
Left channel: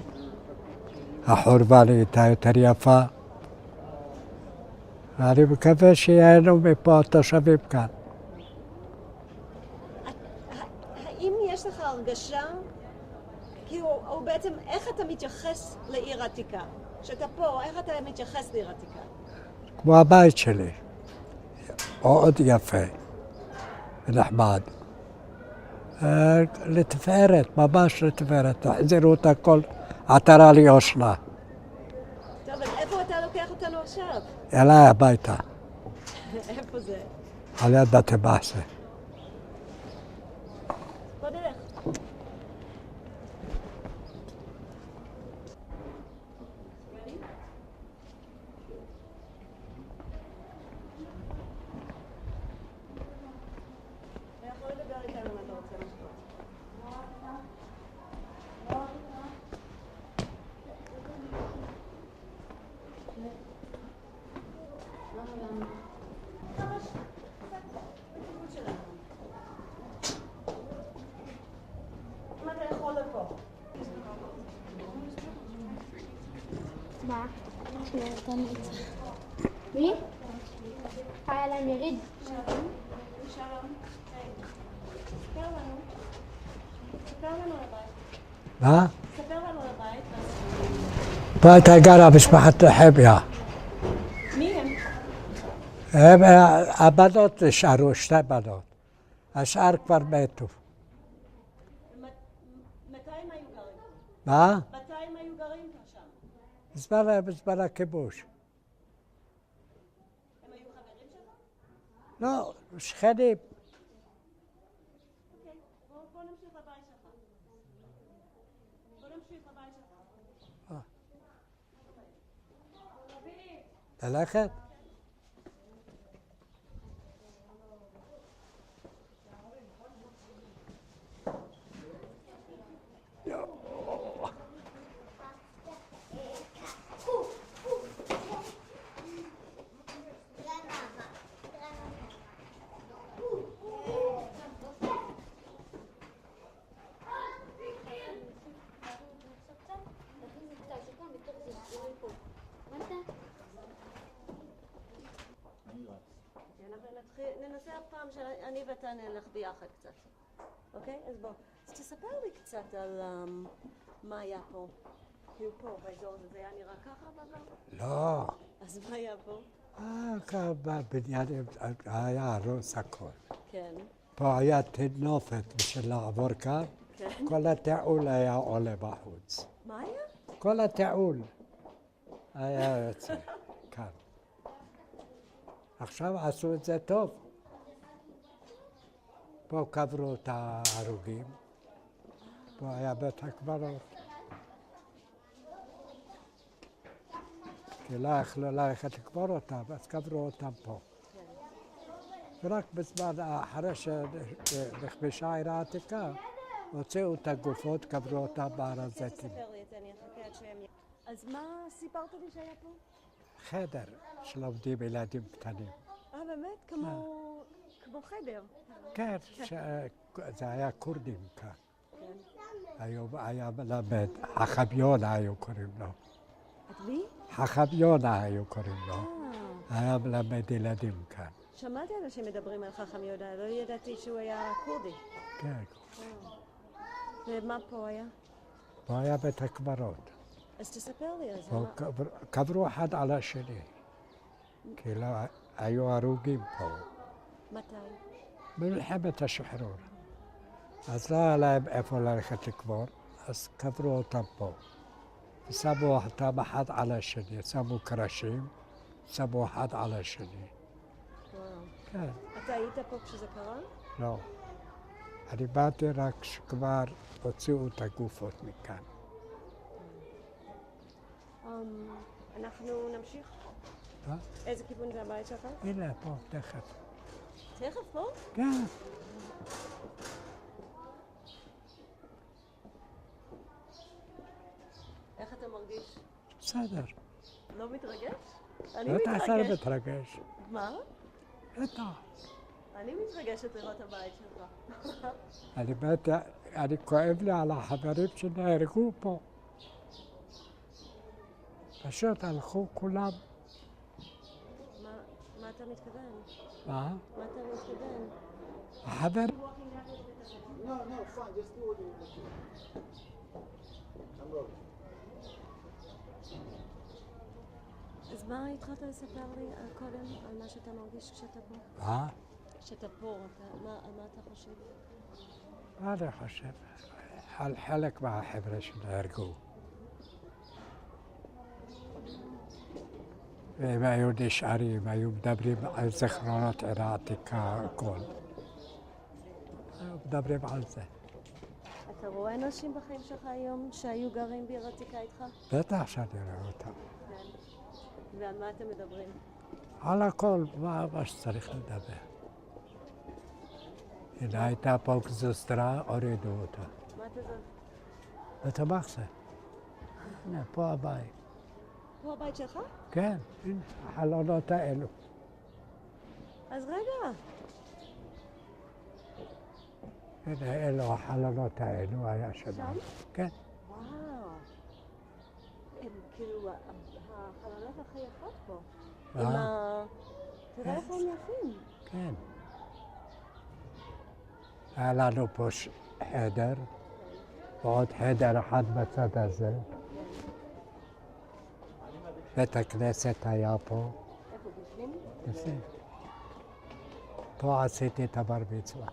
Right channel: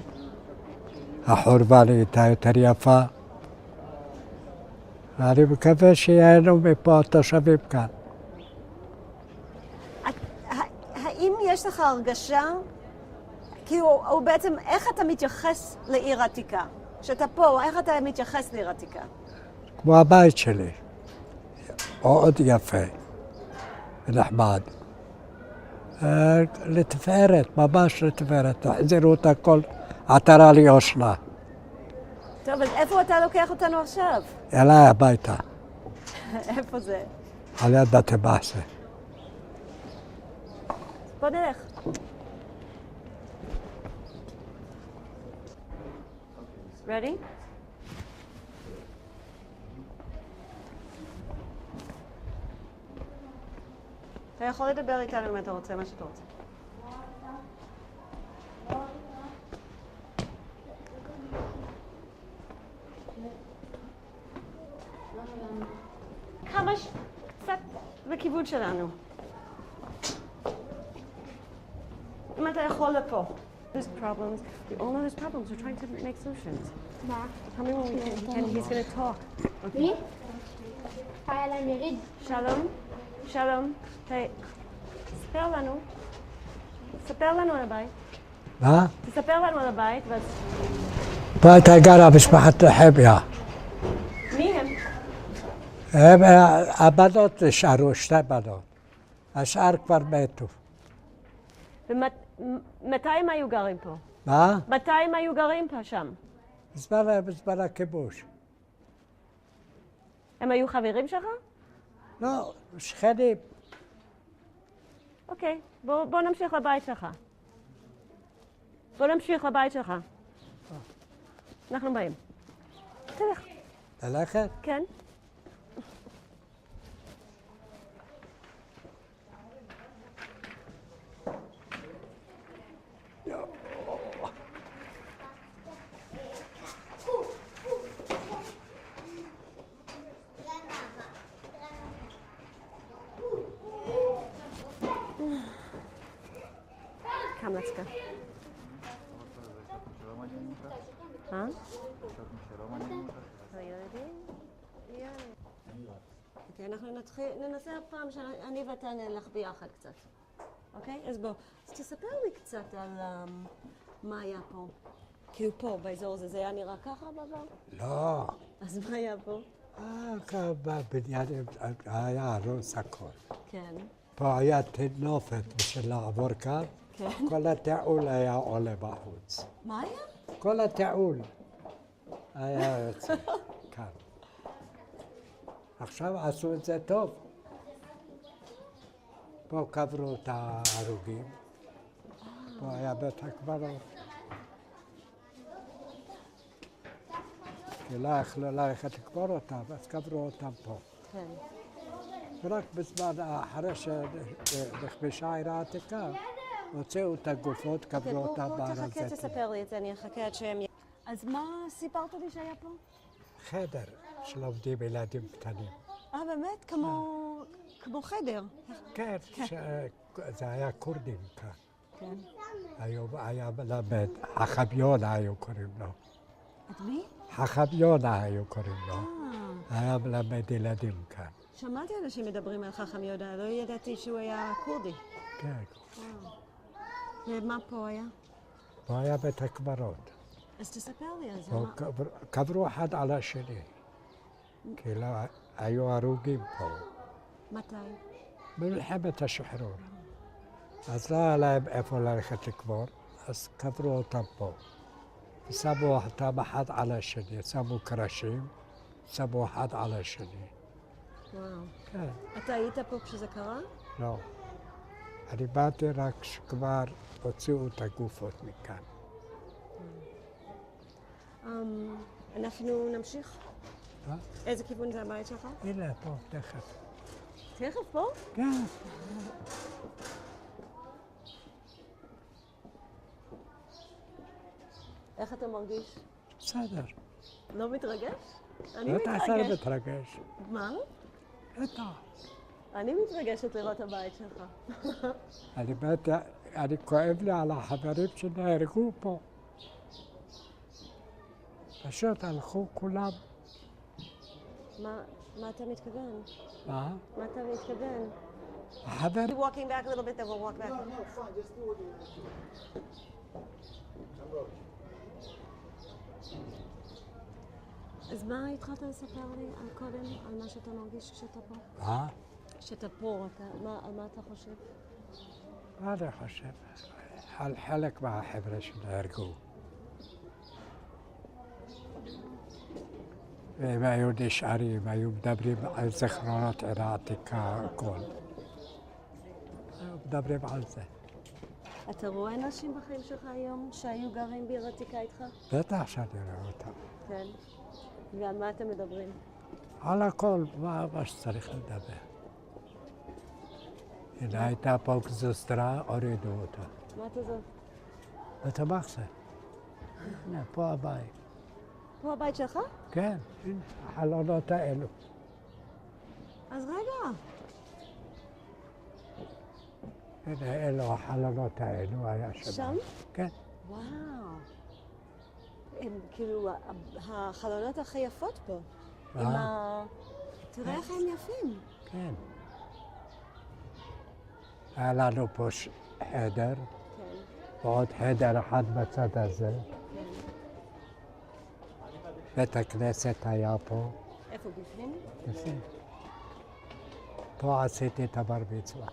החורבה נהייתה יותר יפה. ואני מקווה שיהינו מפה התושבים כאן. האם יש לך הרגשה, כאילו, או בעצם איך אתה מתייחס לעיר עתיקה? כשאתה פה, איך אתה מתייחס לעיר עתיקה? כמו הבית שלי. מאוד יפה ונחמד. לתפארת, ממש לתפארת. החזירו את הכל עטרה ליושנה. טוב, אז איפה אתה לוקח אותנו עכשיו? אליי הביתה, איפה זה? על יד בתי מחסה. בוא נלך. Ready? אתה יכול לדבר איתנו אם אתה רוצה מה שאתה רוצה. כמה קצת בכיוון שלנו. אם אתה יכול לפה. There's problems. All of those problems. We're trying to make solutions. מה? And he's going to talk. מי? היה להם יריד. שלום. שלום. היי. ספר לנו. ספר לנו על הבית. מה? תספר לנו על הבית. פה הייתה גרה משפחת חביה. מי הם? הם, הבנות נשארו, 2 בנות. השאר כבר מתו. מתי הם היו גרים פה? מה? מתי הם היו גרים פה שם? בזמן הכיבוש. הם היו חברים שלך? לא, שכנים. אוקיי, בוא נמשיך לבית שלך. בוא נמשיך לבית שלך. אנחנו באים. תלך. ללכת? כן. Come, let's go. Huh? אוקיי, אנחנו ננסה הפעם שאני ואתה נלך ביחד קצת. אוקיי? אז בוא. אז תספר לי קצת על מה היה פה. כאילו פה, באזור הזה, זה היה נראה ככה בעבר? לא. אז מה היה פה? כאן בבניין היה הרוס הכל. כן. פה היה תנופת בשביל לעבור כאן. כן. כל התיעול היה עולה בחוץ. מה היה? כל התיעול היה יוצא כאן. עכשיו עשו את זה טוב. פה קברו את ההרוגים. פה היה בית הקברות. כי לא יכלו ללכת לקבור אותם, אז קברו אותם פה. כן. ורק בזמן אחרי שנכבשה העיר העתיקה, הוציאו את הגופות, קברו אותם בהר הזיתים. תספר לי את זה, אני אחכה עד שהם... אז מה סיפרת לי שהיה פה? חדר שלומדים ילדים קטנים. באמת? כמו חדר? כן, זה היה כורדים כאן. כן. היה מלמד, חכמיונה היו קוראים לו. את מי? חכמיונה היו קוראים לו. היה מלמד ילדים כאן. שמעתי אנשים מדברים על חכם יהודה, לא ידעתי שהוא היה כורדי. כן. ומה פה היה? פה היה בית הקברות. אז תספר לי על זה. פה קברו אחד על השני. כאילו היו הרוגים פה. מתי? במלחמת השחרור. אז לא היה להם איפה ללכת לקבור, אז קברו אותם פה. שמו אותם אחד על השני, שמו קרשים, שמו אחד על השני. וואו. כן. אתה היית פה כשזה קרה? לא. אני באתי רק שכבר הוציאו את הגופות מכאן. אנחנו נמשיך? מה? איזה כיוון זה הבית שלך? הנה, פה, תכף. תכף פה? כן. איך אתה מרגיש? בסדר. לא מתרגש? אני לא תעשה מתרגש. מתרגש. מה? בטח. אני מתרגשת לראות הבית שלך. אני כואב לי על החברים שנהרגו פה. פשוט הלכו כולם. מה אתה מתכוון? מה? מה אתה מתכוון? החבר... Walking back a little bit, then we'll walk back. No, fine. Just do what you want. אז מה התחלת לספר לי קודם, על מה שאתה מרגיש כשאתה פה? מה? כשאתה פה, על מה אתה חושב? מה אני חושב? על חלק מהחבר'ה שנהרגו. והם היו נשארים, היו מדברים על זיכרונות עיר העתיקה, הכל. היו מדברים על זה. אתה רואה אנשים בחיים שלך היום שהיו גרים בעיר עתיקה איתך? בטח שאני רואה אותם. כן. ועל מה אתם מדברים? על הכל, מה שצריך לדבר. הנה הייתה פה גזוסטרה, הורידו אותה. מה אתה זאת? בית המחסה. הנה, פה הבית. פה הבית שלך? כן, הנה, החלונות האלו. אז רגע. הנה, אלו החלונות האלו, היה שם. שם? כן. וואו. הם כאילו החלונות הכי יפות פה. תראה איך הם יפים. כן. היה לנו פה חדר, כן, ועוד חדר אחד בצד הזה. בית הכנסת היה פה. איפה בפנים? בפנים. פה עשיתי את הבר מצווה.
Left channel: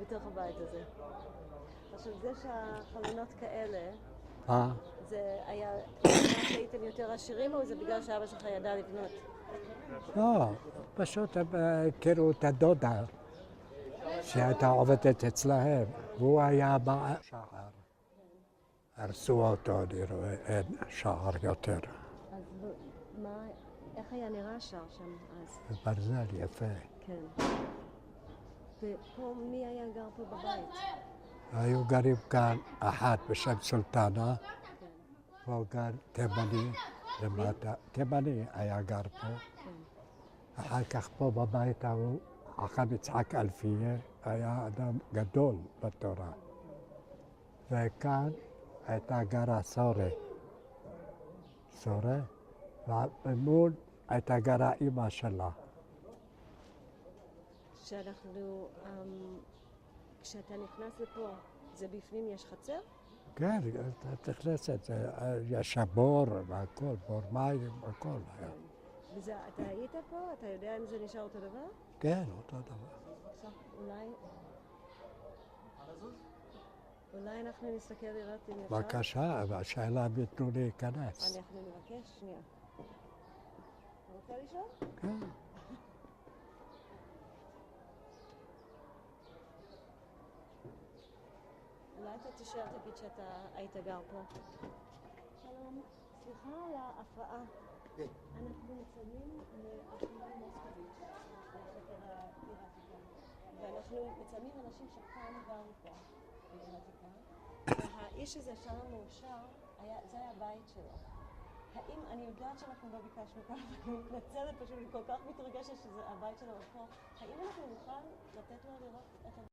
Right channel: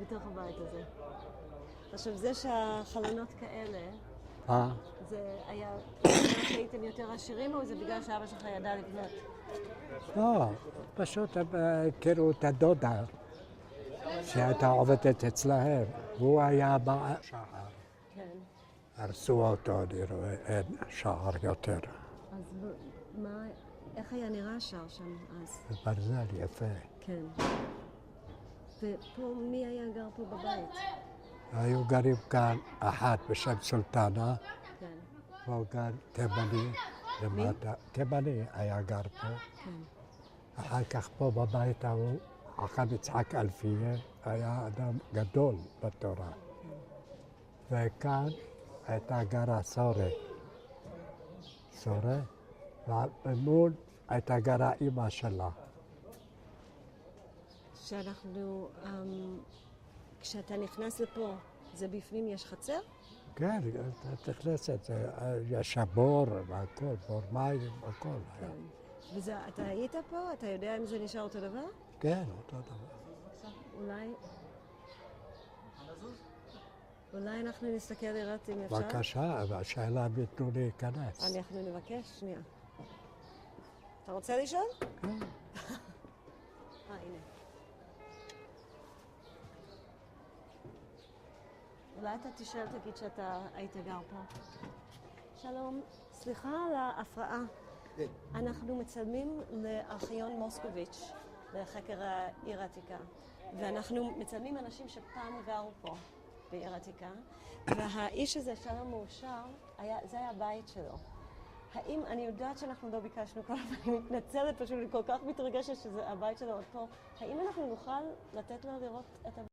בתוך הבית הזה. עכשיו, זה שהחלונות כאלה, זה היה בגלל שהייתם יותר עשירים, או זה בגלל שאבא שלך ידע לבנות? לא, פשוט הם הכירו את הדודה שהייתה עובדת אצלהם, והוא היה בשער. כן. הרסו אותו, אני רואה, אין שער יותר. אז איך היה נראה השער שם אז? ברזל יפה. כן. ופה, מי היה גר פה בבית? היו גרים כאן אחת בשם סולטנה, כן. והוא גר תימני למטה. תימני היה גר פה. כן. אחר כך פה בבית ההוא, חכם יצחק אלפיה, היה אדם גדול בתורה. וכאן הייתה גרה סורה. סורה, וממול הייתה גרה אימא שלה. שאנחנו, כשאתה נכנס לפה, זה בפנים יש חצר? כן, את נכנסת, יש בור והכל, בור מים, הכל היה. וזה, אתה היית פה? אתה יודע אם זה נשאר אותו דבר? כן, אותו דבר. אולי אנחנו נסתכל לראות אם אפשר? בבקשה, השאלה אם ייתנו להיכנס. אנחנו נבקש, שנייה. אתה רוצה לשאול? כן. הנה. אולי אתה תשאל, תגיד שאתה היית גר פה. שלום, סליחה על ההפרעה. אנחנו מצלמים לארכיון מוסקוביץ', לחקר העיר העתיקה. ואנחנו מצלמים אנשים שפעם גרו פה בעיר העתיקה. והאיש הזה שם המאושר, זה היה הבית שלו. האם, אני יודעת שאנחנו לא ביקשנו כל הזמן, אני מתנצלת פשוט, אני כל כך מתרגשת שזה הבית שלו עוד פה. האם אנחנו נוכל לתת לו לראות את הבית?